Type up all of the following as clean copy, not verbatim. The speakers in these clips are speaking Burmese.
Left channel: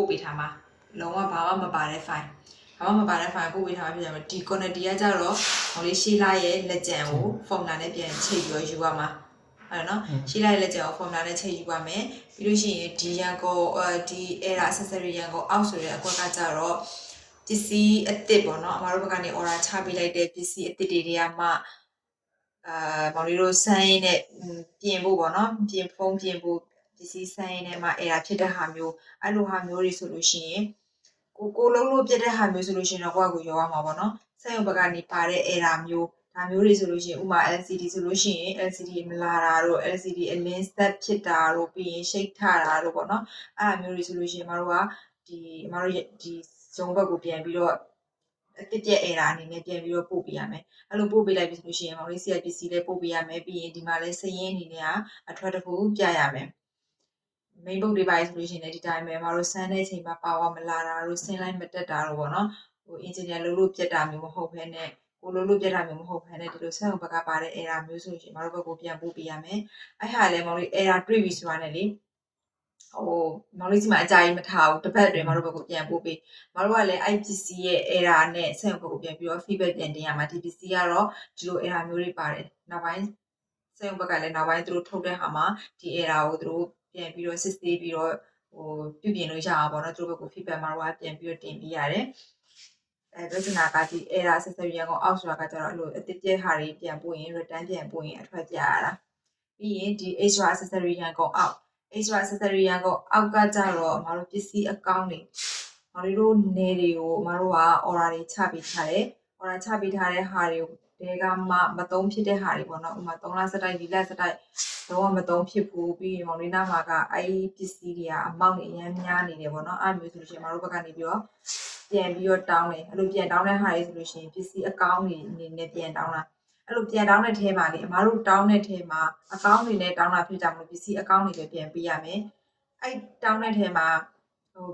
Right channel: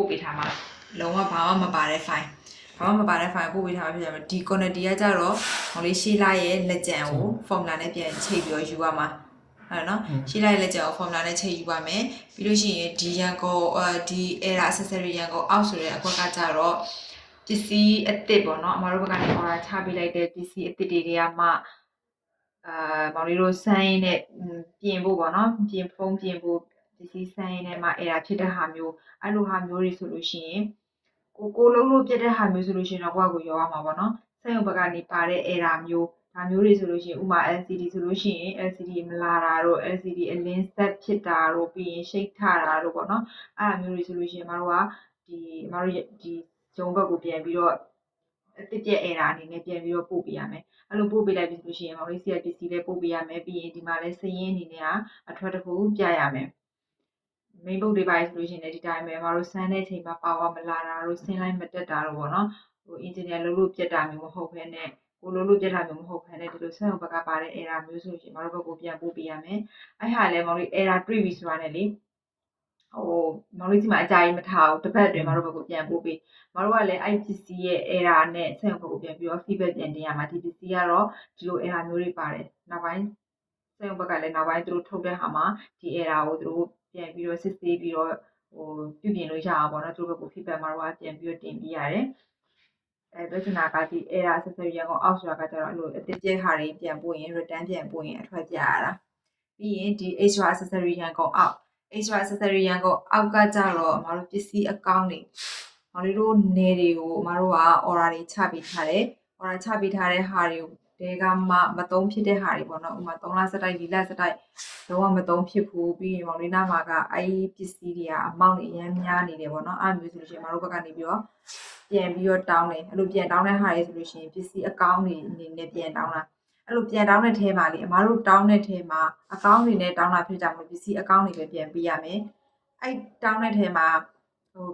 ပို့ပေးထားမှာလုံးဝဘာမှမပါတဲ့ file ဘာမှမပါတဲ့ file ပို့ပေးထားမှာဖြစ်တယ်ဒီ quantity ကကြတော့မောင်လေးရှေ့လိုက်ရဲ့လက်ကျန်ကို formula နဲ့ပြန်ချိန်ပြီးတော့ယူရမှာအဲ့နော်ရှေ့လိုက်ရဲ့လက်ကျန်ကို formula နဲ့ချိန်ယူပါမယ်ပြီးလို့ရှိရင်ဒီရန်ကုန်ဒီ error accessory ရန်ကုန်အောက်ဆိုတဲ့အကွက်ကကြတော့ပစ္စည်းအသစ်ပေါ့နော်အမတို့ဘက်ကနေ order ချပေးလိုက်တဲ့ပစ္စည်းအသစ်တွေကမှမောင်လေးတို့စမ်းရင်းနဲ့ပြင်ဖို့ပေါ့နော်ပြင်ဖုံးပြင်ဖို့ပစ္စည်းစမ်းရင်းနဲ့မှ error ဖြစ်တဲ့ဟာမျိုးအဲ့လိုဟာမျိုးတွေဆိုလို့ရှိရင်ကိုလုံးလို့ပြတ်တဲ့ဟာမျိုးဆိုလို့ရှိရင်တော့ကိုယ့်ကိုရောရမှာပေါ့နော်စက်ရုံဘက်ကနေပါတဲ့ error မျိုးဒါမျိုးတွေဆိုလို့ရှိရင်ဥမာ LCD ဆိုလို့ရှိရင် LCD မလာတာတို့ LCD အလင်းဆက်ဖြစ်တာတို့ပြီးရင်ရှိတ်ထတာတို့ပေါ့နော်အဲ့လိုမျိုးတွေဆိုလို့ရှိရင်မတို့ကမတို့ဒီဇုံဘက်ကိုပြန်ပြီးတော့အတစ်ပြက် error အနေနဲ့ပြန်ပြီးတော့ပို့ပေးရမယ်အဲ့လိုပို့ပေးလိုက်ပြီဆိုလို့ရှိရင်မောင်လေး CIPC လေးပို့ပေးရမယ်ပြီးရင်ဒီမှာလဲစရင်းအနေနဲ့ကအထွက်တစ်ခုပြရမယ်မိန်ဘုတ်တွေပါဆိုလို့ရှိရင်လည်းဒီတိုင်းပဲမတို့စမ်းတဲ့အချိန်မှာပါဝါမလာတာတို့ဆင်းလိုက်မတက်တာတို့ပေါ့နော်ဟို engineer လို့ပြတ်တာမျိုးမဟုတ်ဘဲနဲ့ကိုလို့ပြတ်တာမျိုးမဟုတ်ဘဲနဲ့ဒီလိုစက်ရုံဘက်ကပါတဲ့ error မျိုးဆိုလို့ရှိရင်မတို့ဘက်ကိုပြန်ပို့ပေးရမယ်အဲ့ဟာလည်းမောင်လေး error တွေ့ပြီဆိုတာနဲ့လေဟိုမောင်လေးစီမှာအကြိုက်မထားဘူးတစ်ပတ်အတွင်းမတို့ဘက်ကိုပြန်ပို့ပေးမတို့ကလည်း IPC ရဲ့ error နဲ့စက်ရုံဘက်ကိုပြန်ပြီးတော့ feedback ပြန်တင်ရမှာဒီ PC ကတော့ဒီလို error မျိုးတွေပါတယ်နောက်ပိုင်းစက်ရုံဘက်ကလည်းနောက်ပိုင်းသူတို့ထုတ်တဲ့ဟာမှာဒီ error ကိုသူတို့ပြန်ပြီးတော့စစ်ဆေးပြီးတော့ဟိုပြုပြင်လို့ရအောင်ပေါ့နော်သူတို့ဘက်က feedback မှာတော့ပြန်ပြီးတော့တင်ပြရတယ်ပြဿနာကဒီ error accessory ရန်ကုန်အောက်ဆိုတာကကျတော့အဲ့လိုအသစ်ပြက်ဟာတွေပြန်ပို့ရင် return ပြန်ပို့ရင်အထွက်ပြရတာပြီးရင်ဒီ extra accessory ရန်ကုန်အောက် extra accessory ရန်ကုန်အောက်ကကြတော့မတို့ပစ္စည်းအကောင့်တွေမတို့နေတွေကိုမတို့က order တွေချပေးထားတယ် order ချပေးထားတဲ့ဟာတွေကိုတဲကမှမသုံးဖြစ်တဲ့ဟာတွေပေါ့နော်ဥမာ3လစတိုက်4လစတိုက်တော့မသုံးဖြစ်ဘူးပြီးရင်မောင်လေးနာမှာကအဲ့ပစ္စည်းတွေကအမောက်တွေအများများနေတယ်ပေါ့နော်အဲ့လိုမျိုးဆိုလို့ရှိရင်မတို့ဘက်ကနေပြီးတော့ပြန်ပြီးတော့တောင်းတယ်အဲ့လိုပြန်တောင်းတဲ့ဟာတွေဆိုလို့ရှိရင်ပစ္စည်းအကောင့်တွေအနေနဲ့ပြန်တောင်းတာအဲ့လိုပြန်တောင်းတဲ့ထဲမှာလေအမတို့တောင်းတဲ့ထဲမှာအကောင့်တွေနဲ့တောင်းတာဖြစ်ကြမလို့ပစ္စည်းအကောင့်တွေပဲပြန်ပေးရမယ်အဲ့တောင်းတဲ့ထဲမှာဟို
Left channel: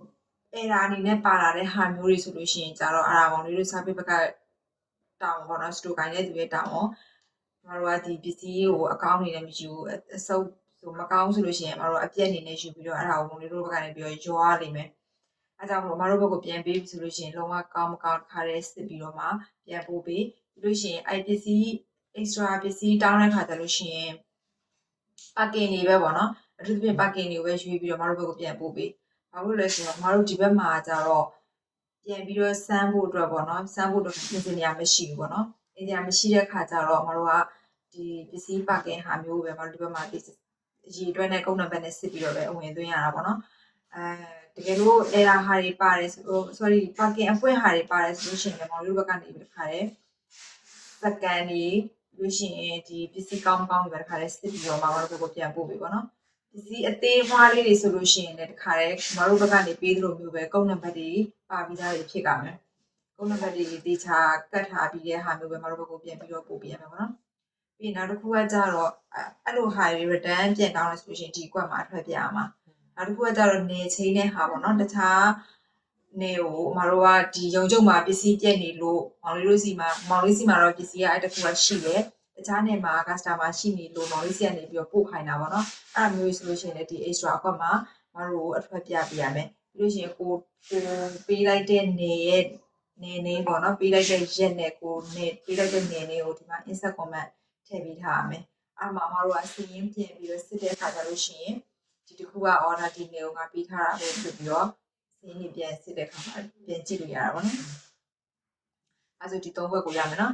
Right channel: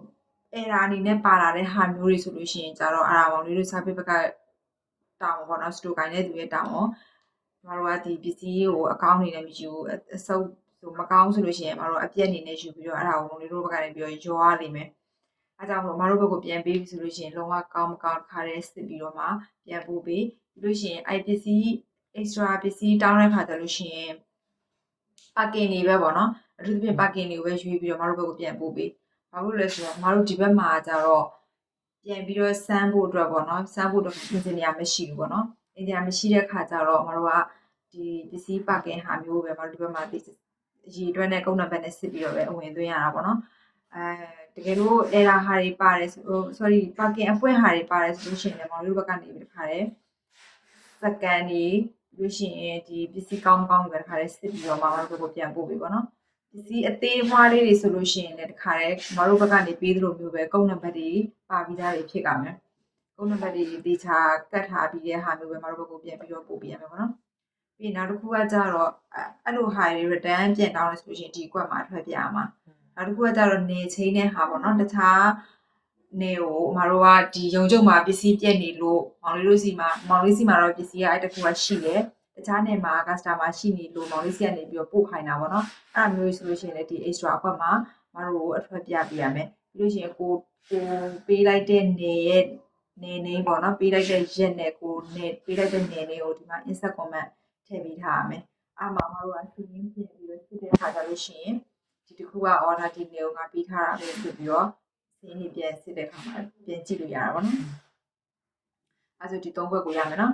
error အနေနဲ့ပါလာတဲ့ဟာမျိုးတွေဆိုလို့ရှိရင်ကြတော့အဲ့ဒါမောင်လေးတို့ service ဘက်ကတောင်းပေါ့နော် store ကိုင်းတဲ့သူရဲ့တောင်းပေါ့မတို့ကဒီပစ္စည်းကိုအကောင့်အနေနဲ့မယူအစုပ်ဆိုမကောင်းဆိုလို့ရှိရင်မတို့အပြက်အနေနဲ့ယူပြီးတော့အဲ့ဒါကိုမောင်လေးတို့ဘက်ကနေပြီးတော့ရောရလိမ့်မယ်အဲကြောင့်မို့မတို့ဘက်ကိုပြန်ပေးပြီဆိုလို့ရှိရင်လုံးဝကောင်းမကောင်းတစ်ခါတည်းစစ်ပြီးတော့မှပြန်ပို့ပေးပြီးလို့ရှိရင်အဲ့ပစ္စည်း extra ပစ္စည်းတောင်းတဲ့ခါကျလို့ရှိရင် parking တွေပဲပေါ့နော်အထူးသဖြင့် parking တွေကိုပဲရွေးပြီးတော့မတို့ဘက်ကိုပြန်ပို့ပေးဘာလို့လဲဆိုတော့မတို့ဒီဘက်မှာကျတော့ပြန်ပြီးတော့စမ်းဖို့အတွက်ပေါ့နော်စမ်းဖို့အတွက် engineer မရှိဘူးပေါ့နော် engineer မရှိတဲ့ခါကျတော့မတို့ကဒီပစ္စည်း parking ဟာမျိုးပဲမတို့ဒီဘက်မှာဒီရေတွက်နဲ့ကုန်းနံပါတ်နဲ့စစ်ပြီးတော့ပဲအဝင်သွင်းရတာပေါ့နော်တကယ်လို့ error ဟာတွေပါတယ်ဆို sorry parking အပွင့်ဟာတွေပါတယ်ဆိုလို့ရှိရင်လည်းမောင်တို့ဘက်ကနေပြီးတခါတည်းစကန်တွေလို့ရှိရင်ဒီပစ္စည်းကောင်းကောင်းတွေပဲတခါတည်းစစ်ပြီးတော့မောင်တို့ဘက်ကိုပြန်ပို့ပေးပေါ့နော်ပစ္စည်းအသေးအမွှားလေးတွေဆိုလို့ရှိရင်လည်းတခါတည်းမောင်တို့ဘက်ကနေပေးသလိုမျိုးပဲကုန်းနံပါတ်တွေပါပြီးသားတွေဖြစ်ကြမယ်ကုန်းနံပါတ်တွေတေချာကတ်ထားပြီးတဲ့ဟာမျိုးပဲမောင်တို့ဘက်ကိုပြန်ပြီးတော့ပို့ပေးရမယ်ပေါ့နော်ပြီးနောက်တစ်ခုကကြတော့အဲ့လိုဟာတွေ return ပြန်တောင်းလို့ဆိုလို့ရှိရင်ဒီကွက်မှာထွက်ပြရမှာနောက်တစ်ခုကကြတော့နေချင်းတဲ့ဟာပေါ့နော်တခြားနေကိုမတို့ကဒီရုံကျုံမှာပစ္စည်းပြက်နေလို့မောင်လေးတို့စီမှာမောင်လေးစီမှာတော့ပစ္စည်းကအဲ့တစ်ခုကရှိတယ်တခြားနေမှာ customer ရှိနေလို့မောင်လေးစီကနေပြီးတော့ပို့ခိုင်းတာပေါ့နော်အဲ့လိုမျိုးဆိုလို့ရှိရင်လည်းဒီ extra အခွက်မှာမတို့ကိုအထွက်ပြပေးရမယ်ပြီးလို့ရှိရင်ကိုပေးလိုက်တဲ့နေရဲ့နေပေါ့နော်ပေးလိုက်တဲ့ရက်နဲ့ကိုနေပေးလိုက်တဲ့နေကိုဒီမှာ insert comment ထည့်ပေးထားရမယ်အဲ့မှာမတို့ကစီးရင်ပြင်ပြီးတော့စစ်တဲ့ခါကြလို့ရှိရင်ဒီတစ်ခုက order ဒီနေကိုငါပေးထားတာပဲဖြစ်ပြီးတော့စီးရင်ပြန်စစ်တဲ့ခါမှာပြန်ကြည့်လို့ရတာပေါ့နော်အဲ့ဆိုဒီ၃ဘက်ကိုရမယ်နော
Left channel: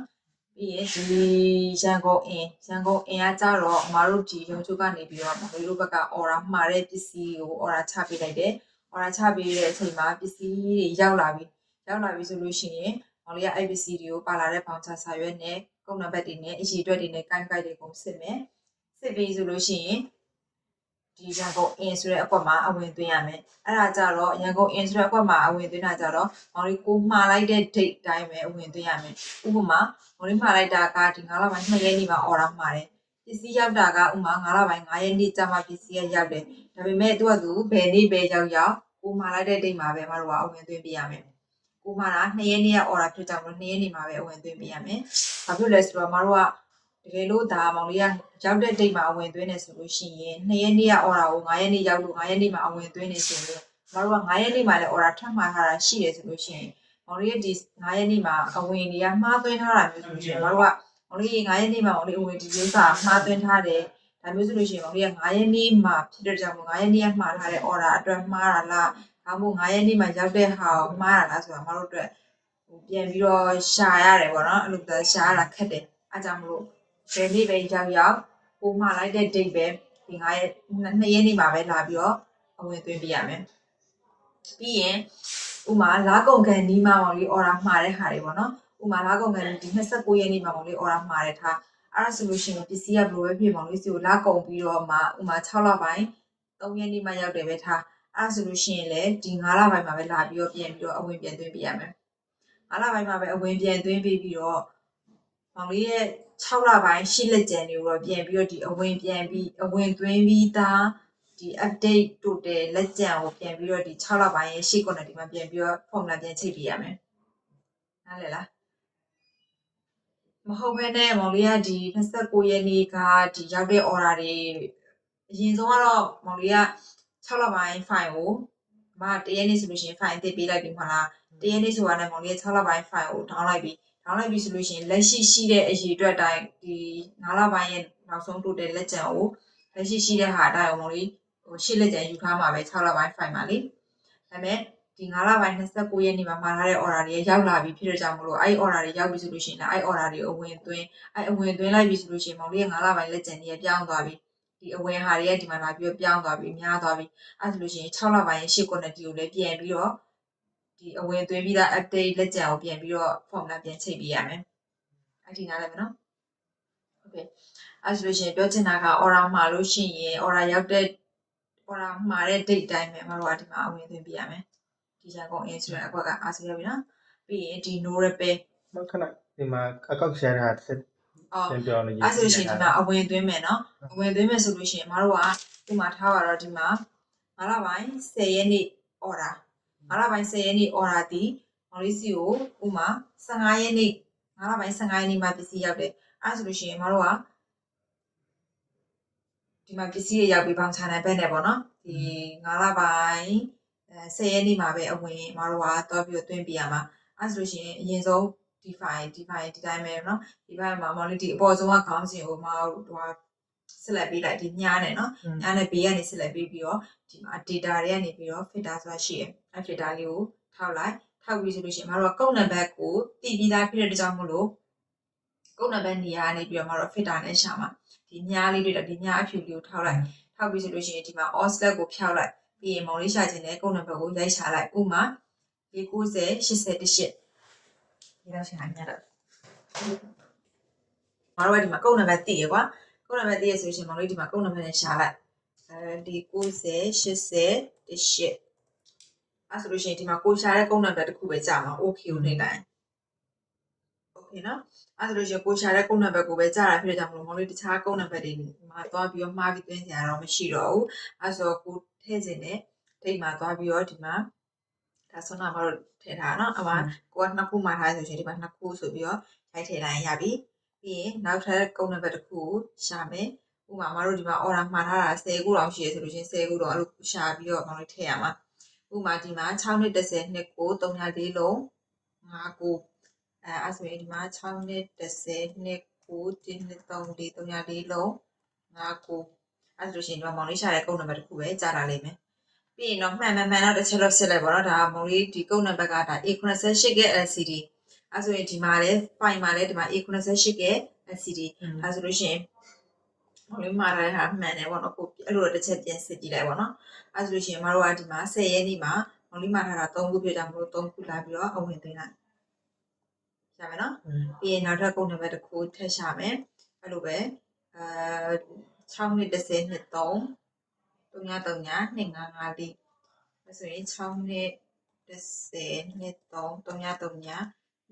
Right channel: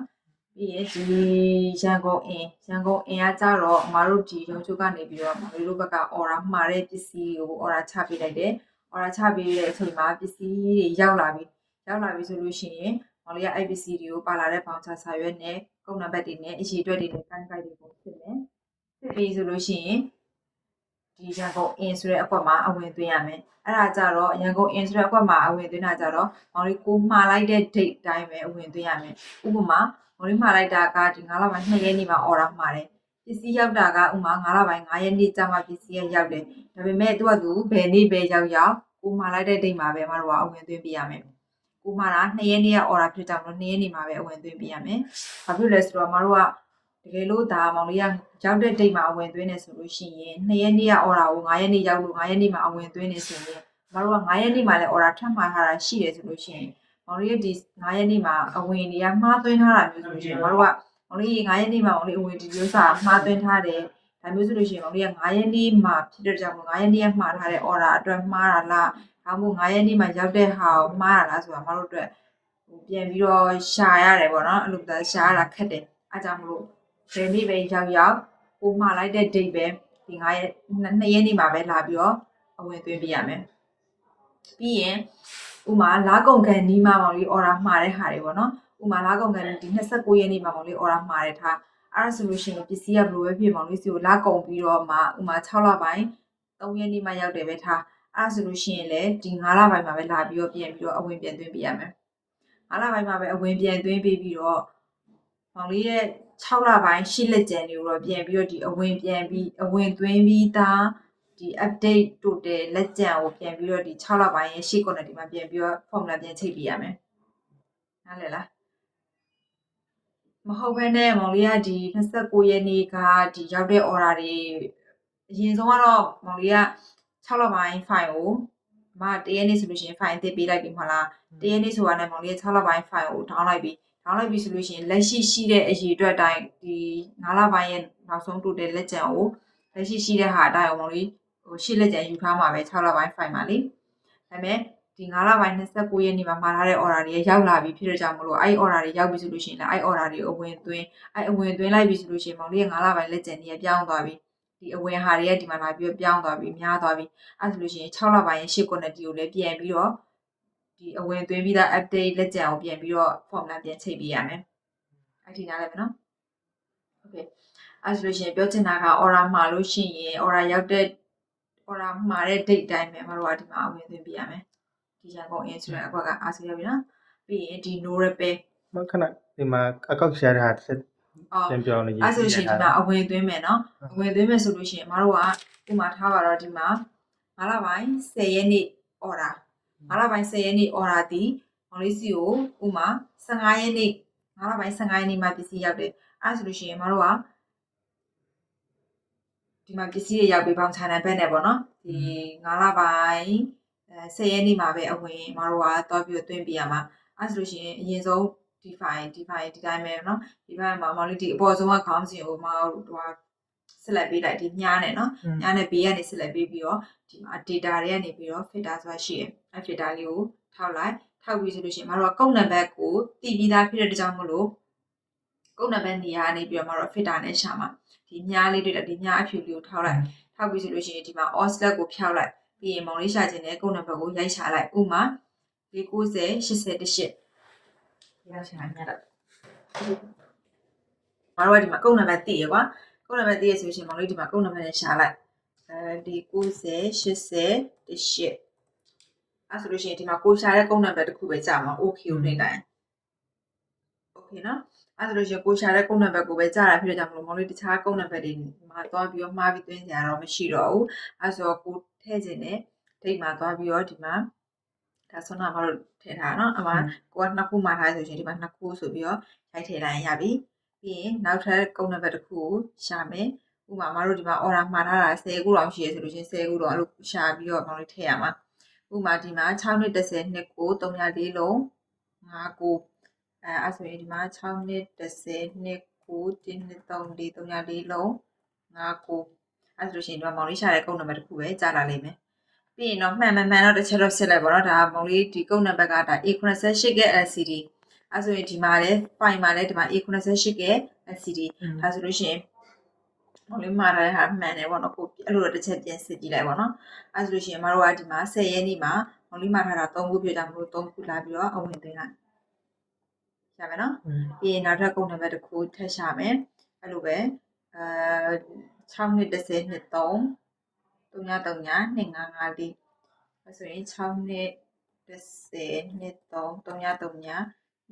်ပြီးရင်ဒီရန်ကုန်အင်းကကြတော့အမတို့ဒီရုံချုပ်ကနေပြီးတော့မတို့ဘက်က order မှာတဲ့ပစ္စည်းကို order ချပေးလိုက်တယ် order ချပေးတဲ့အချိန်မှာပစ္စည်းတွေရောက်လာပြီဆိုလို့ရှိရင်မောင်လေးက IPC တွေကိုပါလာတဲ့ voucher စာရွက်နဲ့ကုန်းနံပါတ်တွေနဲ့အရေးအတွက်တွေနဲ့ကိုက်တွေကိုစစ်မယ်စစ်ပြီးဆိုလို့ရှိရင်ဒီရန်ကုန်အင်းဆိုတဲ့အကွက်မှာအဝင်သွင်းရမယ်အဲ့ဒါကြတော့ရန်ကုန်အင်းဆိုတဲ့အကွက်မှာအဝင်သွင်းတာကြတော့မောင်လေးကိုမှားလိုက်တဲ့ date တိုင်းပဲအဝင်သွင်းရမယ်ဥပမာမောင်လေးမှားလိုက်တာကဒီ9လပိုင်း2ရက်နေ့မှာ order မှာတယ်ပစ္စည်းရောက်တာကဥမာ9လပိုင်း9ရက်နေ့ကျမှပစ္စည်းရောက်တယ်ဒါပေမဲ့သူကသူဘယ်နေ့ပဲရောက်ကိုမှားလိုက်တဲ့ date မှာပဲမတို့ကအဝင်သွင်းပေးရမယ်ကိုမှားတာ2ရက်နေ့က order ဖြစ်ကြလို့2ရက်နေ့မှာပဲအဝင်သွင်းပေးရမယ်ဘာဖြစ်လဲဆိုတော့မတို့ကတကယ်လို့ဒါမောင်လေးကရောက်တဲ့ date မှာအဝင်သွင်းနေဆိုလို့ရှိရင်2ရက်နေ့က order ကို9ရက်နေ့ရောက်လို့9ရက်နေ့မှာအဝင်သွင်းနေဆိုရင် တို့က9ရက်နေ့မှာလည်း order ထပ်မှာထားတာရှိတယ်ဆိုလို့ရှိရင်မောင်လေးရဲ့ဒီ9ရက်နေ့မှာအဝင်တွေကမှားသွင်းထားတာမျိုးဆိုလို့ရှိရင်တို့ကမောင်လေး9ရက်နေ့မှာမောင်လေးအဝင်ဒီဥစ္စာမှားသွင်းထားတယ်ဒါမျိုးဆိုလို့ရှိရင်မောင်လေးက9ရက်နေ့မှာဖြစ်တဲ့ကြောင့်9ရက်နေ့ကမှားထားတဲ့ order အတွက်မှားတာလားဒါမှမဟုတ်9ရက်နေ့မှာရောက်တဲ့ဟာကိုမှားတာလားဆိုတာမတို့အတွက်ပြန်ပြီးတော့ရှာရတယ်ပေါ့နော်အဲ့လိုရှာရတာခက်တယ်အားကြောင့်မလို့ဘယ်နေ့ပဲရောက်ကိုမှားလိုက်တဲ့ date ပဲဒီ9ရက်2ရက်နေ့မှာပဲလာပြီးတော့အဝင်သွင်းပေးရမယ်ပြီးရင်ဥမာလာကုန်ကန်ဒီမှာမောင်လေး order မှားတဲ့ဟာတွေပေါ့နော်ဥမာလာကုန်ကန်ဒီ29ရက်နေ့မှာမောင်လေး order မှားတဲ့ထားအဲ့ဒါဆိုလို့ရှိရင်ပစ္စည်းကဘယ်လိုပဲဖြစ်မောင်လေးစီကိုလာကုန်ပြီးတော့မှဥမာ6လပိုင်း3ရက်နေ့မှရောက်တယ်ပဲထားအဲ့ဒါဆိုလို့ရှိရင်လည်းဒီ9လပိုင်းမှာပဲလာပြီးတော့ပြန်ပြီးတော့အဝင်ပြန်သွင်းပေးရမယ်9လပိုင်းမှာပဲအဝင်ပြန်သွင်းပေးပြီးတော့မောင်လေးရဲ့6လပိုင်း8လက်ကျန်တွေကိုတော့ပြန်ပြီးတော့ဒီအဝင်ပြန်ပြီးအဝင်သွင်းပြီးသားဒီ update total လက်ကျန်ကိုပြန်ပြီးတော့ဒီ6လပိုင်းရဲ့ရှေ့ကုန်တဲ့ဒီမှာပြန်ပြီးတော့ formula ပြန်ချိန်ပေးရမယ်နားလည်လားမဟုတ်ဘဲနဲ့မောင်လေးကဒီ29ရက်နေ့ကဒီရောက်တဲ့ order တွေအရင်ဆုံးကတော့မောင်လေးက6လပိုင်း file ကိုမတရက်နေ့ဆိုလို့ရှိရင် file အသစ်ပေးလိုက်ပြီမဟုတ်လားတရက်နေ့ဆိုတာနဲ့မောင်လေးက6လပိုင်း file ကို down လိုက်ပြီဆိုလို့ရှိရင်လက်ရှိတဲ့အရေးအတွက်အတိုင်းဒီ9လပိုင်းရဲ့နောက်ဆုံး total လက်ကျန်ကိုလက်ရှိတဲ့ဟာအတိုင်းမောင်လေးရှေ့လက်ကျန်ယူထားမှာပဲ6လပိုင်း file မှာလေဒါပေမဲ့ဒီ9လပိုင်း29ရက်နေ့မှာမှာထားတဲ့ order တွေရောက်လာပြီဖြစ်တဲ့ကြောင့်မလို့အဲ့ order တွေရောက်ပြီဆိုလို့ရှိရင်လည်းအဲ့ order တွေအဝင်သွင်းလိုက်ပြီဆိုလို့ရှိရင်မောင်လေးက9လပိုင်းလက်ကျန်တွေပြောင်းသွားပြီဒီအဝင်ဟာတွေကဒီမှာလာပြီးပြောင်းသွားပြီများသွားပြီအဲ့ဆိုလို့ရှိရင်6လပိုင်းရဲ့ရှေ့ quantity ကိုလည်းပြန်ပြီးတော့ဒီအဝင်သွင်းပြီးသား update လက်ကျန်ကိုပြန်ပြီးတော့ formula ပြန်ချိန်ပေးရမယ်အဲ့ဒီနားလည်းပဲနော်โอเคအဲ့ဆိုလို့ရှိရင်ပြောချင်တာက order မှာလို့ရှိရင် order ရောက်တဲ့ order မှာတဲ့ date တိုင်းပဲမတို့ကဒီမှာအဝင်သွင်းပေးရမယ်ဒီရန်ကုန် insurance အကွက်ကအားဆိုရပြီနော်ပြီးရင်ဒီ no repair မခဏဒီမှာအကောက်ရှာတဲ့ဟာတစ်ပြန်ပြောနေရအဲ့ဆိုရှင်ဒီမှာအဝင်သွင်းမယ်နော်အဝင်သွင်းမယ်ဆိုလို့ရှိရင်မတို့ကဒီမှာထားပါတော့ဒီမှာ9လပိုင်း10ရက်နေ့ order 9လပိုင်း10ရက်နေ့ order ဒီမောင်လေးစီကိုဥမာ15ရက်နေ့9လပိုင်း15ရက်နေ့မှာပစ္စည်းရောက်တယ်အဲ့ဆိုလို့ရှိရင်မတို့ကဒီမှာပစ္စည်းတွေရောက်ပြီးပေါင်ချန်နယ်ဘက်နဲ့ပေါ့နော်ဒီ9လပိုင်း10ရက်နေ့မှာပဲအဝင်မတို့ကတော့ပြီးသွင်းပြရမှာအဲ့ဆိုလို့ရှိရင်အရင်ဆုံးဒီ file ဒီတိုင်းပဲเนาะဒီ file မှာမောင်လေးဒီအပေါ်ဆုံးကခေါင်းစဉ်ကိုမတို့ဆက်လက်ပေးလိုက်ဒီညားနဲ့เนาะညားနဲ့ဘေးကနေဆက်လက်ပေးပြီးတော့ဒီမှာ data တွေကနေပြီးတော့ filter ဆိုတာရှိရယ်အဲ့ filter လေးကိုထောက်လိုက်ထောက်ပြီးဆိုလို့ရှိရင်မတို့ကကုတ်နံပါတ်ကိုတည်ပြီးသားဖြစ်တဲ့ကြောင့်မလို့ကုတ်နံပါတ်နေရာကနေပြီးတော့မတို့ filter နဲ့ရှာမှာဒီညားလေးတွေဒီညားအဖြူလေးကိုထောက်လိုက်ထောက်ပြီးဆိုလို့ရှိရင်ဒီမှာ all select ကိုဖျောက်လိုက်ပြီးရင်မောင်လေးရှာခြင်းနဲ့ကုတ်နံပါတ်ကိုရိုက်ချလိုက်ဥမာ490 88ဒီလောက်ရှာညတော့မတို့ကဒီမှာကုတ်နံပါတ်သိရကွာကုတ်နံပါတ်သိရဆိုရှင်မောင်လေးဒီမှာကုတ်နံပါတ်နဲ့ရှာလိုက်ဒီ90 88အဲ့ဆိုလို့ရှိရင်ဒီမှာကိုရှာတဲ့ကုတ်နံပါတ်တစ်ခုပဲကြာမှာ okay ကိုနှိပ်လိုက် okay နော်အဲ့ဆိုလို့ရှိရင်ကိုရှာတဲ့ကုတ်နံပါတ်ကိုပဲကြာတာဖြစ်တဲ့ကြောင့်မလို့မောင်လေးတခြားကုတ်နံပါတ်တွေမှာသွားပြီးတော့မှားပြီးသွင်းကြရတော့မရှိတော့ဘူးအဲ့ဆိုတော့ကိုထည့်ခြင်းနဲ့ဒိတ်မှာသွားပြီးတော့ဒီမှာဒါဆိုတော့မတို့ထည့်ထားနော်အမှကိုကနှစ်ခုမှာထားဆိုရှင်ဒီမှာနှစ်ခုဆိုပြီးတော့ရိုက်ထည့်လိုက်ရင်ရပြီပြီးရင်နောက်ထပ်ကုတ်နံပါတ်တစ်ခုကိုရှာမယ်ဥပမာမတို့ဒီမှာ order မှာထားတာ10ခုလောက်ရှိရဆိုလို့ရှင်10ခုတော့အဲ့လိုရှာပြီးတော့မောင်လေးထည့်ရမှာဥပမာဒီမှာ6နှစ်30နှစ်ကို304လုံး5ကိုအဲ့ဆိုရင်ဒီမှာ6နှစ်30နှစ်ကို1နှစ်3 304လုံး5ကိုအဲ့ဆိုလို့ရှိရင်ဒီမှာမောင်လေးရှာတဲ့ကုတ်နံပါတ်တစ်ခုပဲကြာလာလိမ့်မယ်ပြီးရင်တော့မှန်တော့တစ်ချက်တော့စစ်လိုက်ပါတော့ဒါမောင်လေးဒီကုတ်နံပါတ်ကဒါ A88 က LCD အဲ့ဆိုရင်ဒီမှာလည်း file မှာလည်းဒီမှာ A88 က LCD အဲ့ဆိုလို့ရှိရင်မောင်လေးမှားထားတဲ့ဟာမှန်တယ်ပေါ့နော်ကိုအဲ့လိုတော့တစ်ချက်ပြန်စစ်ကြည့်လိုက်ပါတော့အဲ့ဆိုလို့ရှိရင်မတို့ကဒီမှာ10ရက်နေ့မှာမောင်လေးမှားထားတာ3ခုပြကြမလို့3ခုလာပြီးတော့အဝင်သွင်းလိုက်ရမယ်နော်ပြီးရင်နောက်ထပ်ကုတ်နံပါတ်တစ်ခုထပ်ရှာမယ်အဲ့လိုပဲ6နှစ်30နှစ်3 339 255အဲ့ဆိုရင်6နှစ်30နှစ်3 339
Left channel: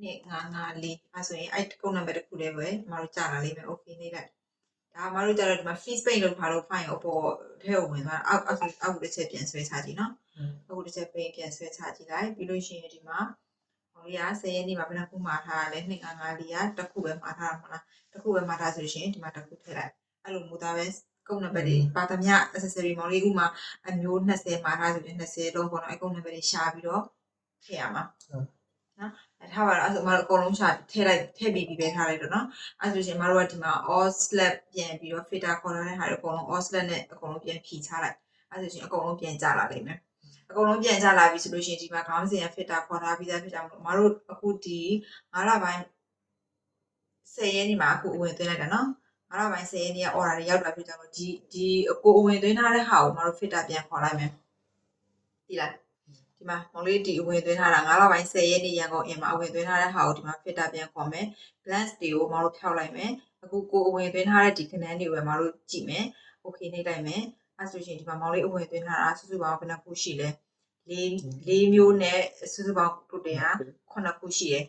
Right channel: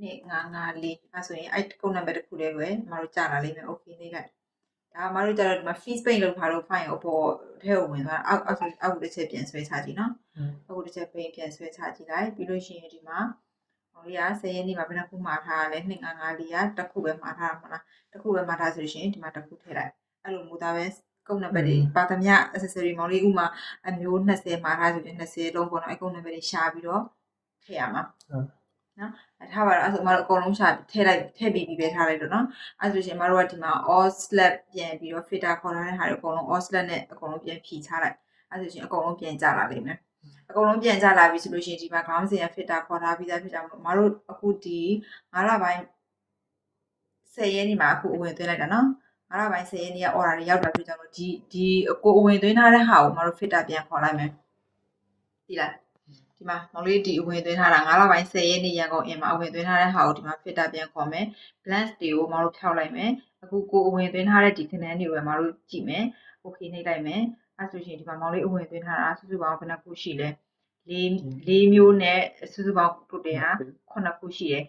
255အဲ့ဆိုရင်အဲ့ကုတ်နံပါတ်တစ်ခုလေးပဲမတို့ကြာလာလိမ့်မယ် okay နေလိုက်ဒါမတို့ကြတော့ဒီမှာ fees pay လောက်ထားလို့ file အပေါ်ထဲကိုဝင်သွားအောက်တစ်ချက်ပြန်ဆွဲချကြည့်နော်အောက်တစ်ချက်ပြန်ဆွဲချကြည့်လိုက်ပြီးလို့ရှိရင်ဒီမှာဟိုရ10ရက်နေ့မှာဘယ်နှခုမှာထားရလဲ255ကတစ်ခုပဲမှာထားတာမလားတစ်ခုပဲမှာထားဆိုလို့ရှိရင်ဒီမှာတစ်ခုထည့်လိုက်အဲ့လိုမူသားပဲ ကုန်းနံပါတ်တွေပါသမျှ accessory မောင်လေးဥမာအမျိုး20မှာထားဆိုရင်20လုံးပေါ့နော်အကုန်းနံပါတ်တွေရှာပြီးတော့ထည့်ရမှာနော်ထားပါတော့အဲ့ဆိုမတို့အကုန်လုံးရှာထည့်ပြီးပဲထားလိုက်တော့နော်အဲ့ဆိုရှင်မတို့ကဒီမှာ all slab ပြန်ပြီးတော့ filter ခေါ်ထားတဲ့ဟာတွေအကုန်လုံး all slab နဲ့အကုန်လုံးပြန်ဖြီချလိုက်အဲ့ဆိုရှင်အကုန်လုံးပြန်ကျလာလိမ့်မယ်အကုန်လုံးပြန်ကျလာပြီဆိုလို့ရှိရင်ဒီမှာခေါင်းစဉ်က filter ခေါ်ထားပြီးသားဖြစ်တာမလို့မတို့အခုဒီ9လပိုင်း10ရက်နေ့မှာအခုအဝင်သွင်းလိုက်တာနော်9လပိုင်း10ရက်နေ့က order တွေရောက်လာပြီကြောင့်ဒီကိုအဝင်သွင်းထားတဲ့ဟာကိုမတို့ filter ပြန်ခေါ်လိုက်မယ်ဒီလားဒီမှာမောင်လေးဒီအဝင်သွင်းထားတာ9လပိုင်း10ရက်နေ့ရန်ကုန်အင်မှာအဝင်သွင်းထားတဲ့ဟာကိုဒီမှာ filter ပြန်ခေါ်မယ် balance တွေကိုမတို့ဖြောက်လိုက်မယ်အခုကိုအဝင်သွင်းထားတဲ့ဒီခဏန်းတွေကိုပဲမတို့ကြည့်မယ် okay နှိပ်လိုက်မယ်အဲဆိုရှင်ဒီမှာမောင်လေးအဝင်သွင်းထားတာစုစုပေါင်းဘယ်နှခုရှိလဲ၄မျိုးနဲ့စုစုပေါင်းတိုတယ်ဟာ9ခုရှိတယ်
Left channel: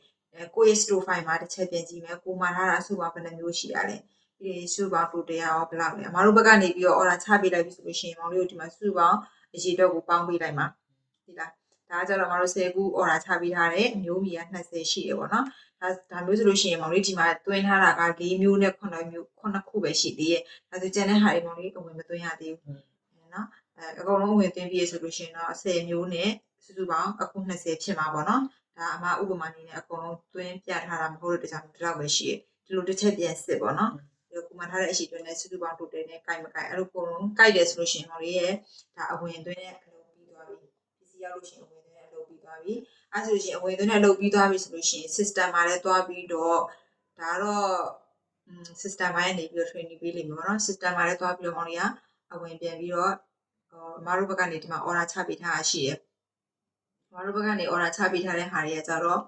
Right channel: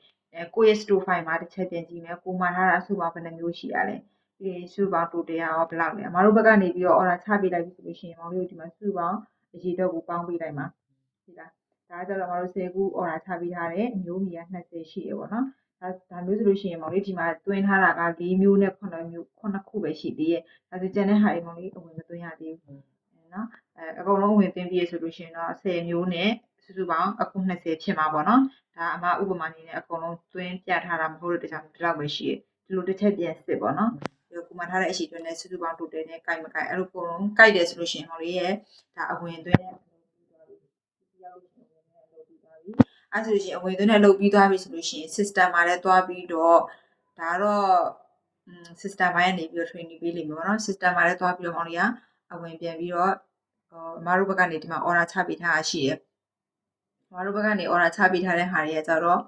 ကိုရဲ့ store file မှာတစ်ချက်ပြန်ကြည့်မယ်ကိုမှာထားတာစုစုပေါင်းဘယ်နှမျိုးရှိရလဲဒီစုစုပေါင်းတိုတယ်ရောဘယ်လောက်လဲမတို့ဘက်ကနေပြီးတော့ order ချပေးလိုက်ပြီဆိုလို့ရှိရင်မောင်လေးတို့ဒီမှာစုစုပေါင်းအရေးတော့ကိုပေါင်းပေးလိုက်မှာဒီလားဒါကြတော့မတို့10ခု order ချပေးထားတယ်အမျိုးမီက20ရှိတယ်ပေါ့နော်ဒါမျိုးဆိုလို့ရှိရင်မောင်လေးဒီမှာတွင်းထားတာက4မျိုးနဲ့9ခုပဲရှိသေးရဲ့ဒါဆိုကျန်တဲ့ဟာတွေမောင်လေးအဝင်မသွင်းရသေးဘူးနော်အကုန်လုံးဝင်သွင်းပြီးဆိုလို့ရှိရင်တော့10မျိုးနဲ့စုစုပေါင်းအခု20ဖြစ်မှာပေါ့နော်ဒါအမဥပမာအနေနဲ့အကုန်လုံးသွင်းပြထားတာမဟုတ်တဲ့တခြားဒီလောက်ပဲရှိရဲ့ဒီလိုတစ်ချက်ပြန်စစ်ပေါ့နော်ဒီလိုကိုမှထားတဲ့အရှိတွင်းနဲ့စုစုပေါင်းတိုတယ်နဲ့ကြိုက်မကြိုက်အဲ့လိုအကုန်လုံးကြိုက်တယ်ဆိုလို့ရှိရင်မောင်လေးရဲ့ဒါအဝင်သွင်းတဲ့အလုပ်ပြီးသွားပြီဒီစီရောက်လို့ရှိရင်အဝင်သွင်းတဲ့အလုပ်ပြီးသွားပြီအဲ့ဆိုလို့ရှိရင်အဝင်သွင်းတဲ့အလုပ်ပြီးသွားပြီဆိုလို့ရှိရင် system မှာလည်းသွားပြီးတော့ဒါတော့system ဘိုင်းကနေပြီးတော့ training ပေးလိမ့်မယ်ပေါ့နော် system မှာလည်းသွားပြီးတော့မောင်လေးကအဝင်ပြန်ပြီးတော့မတို့ဘက်ကနေဒီမှာ order ချပေးထားတာရှိတယ်မတို့ဘက်ကနေ order ချပေးထားတဲ့ဟာတွေကကြတော့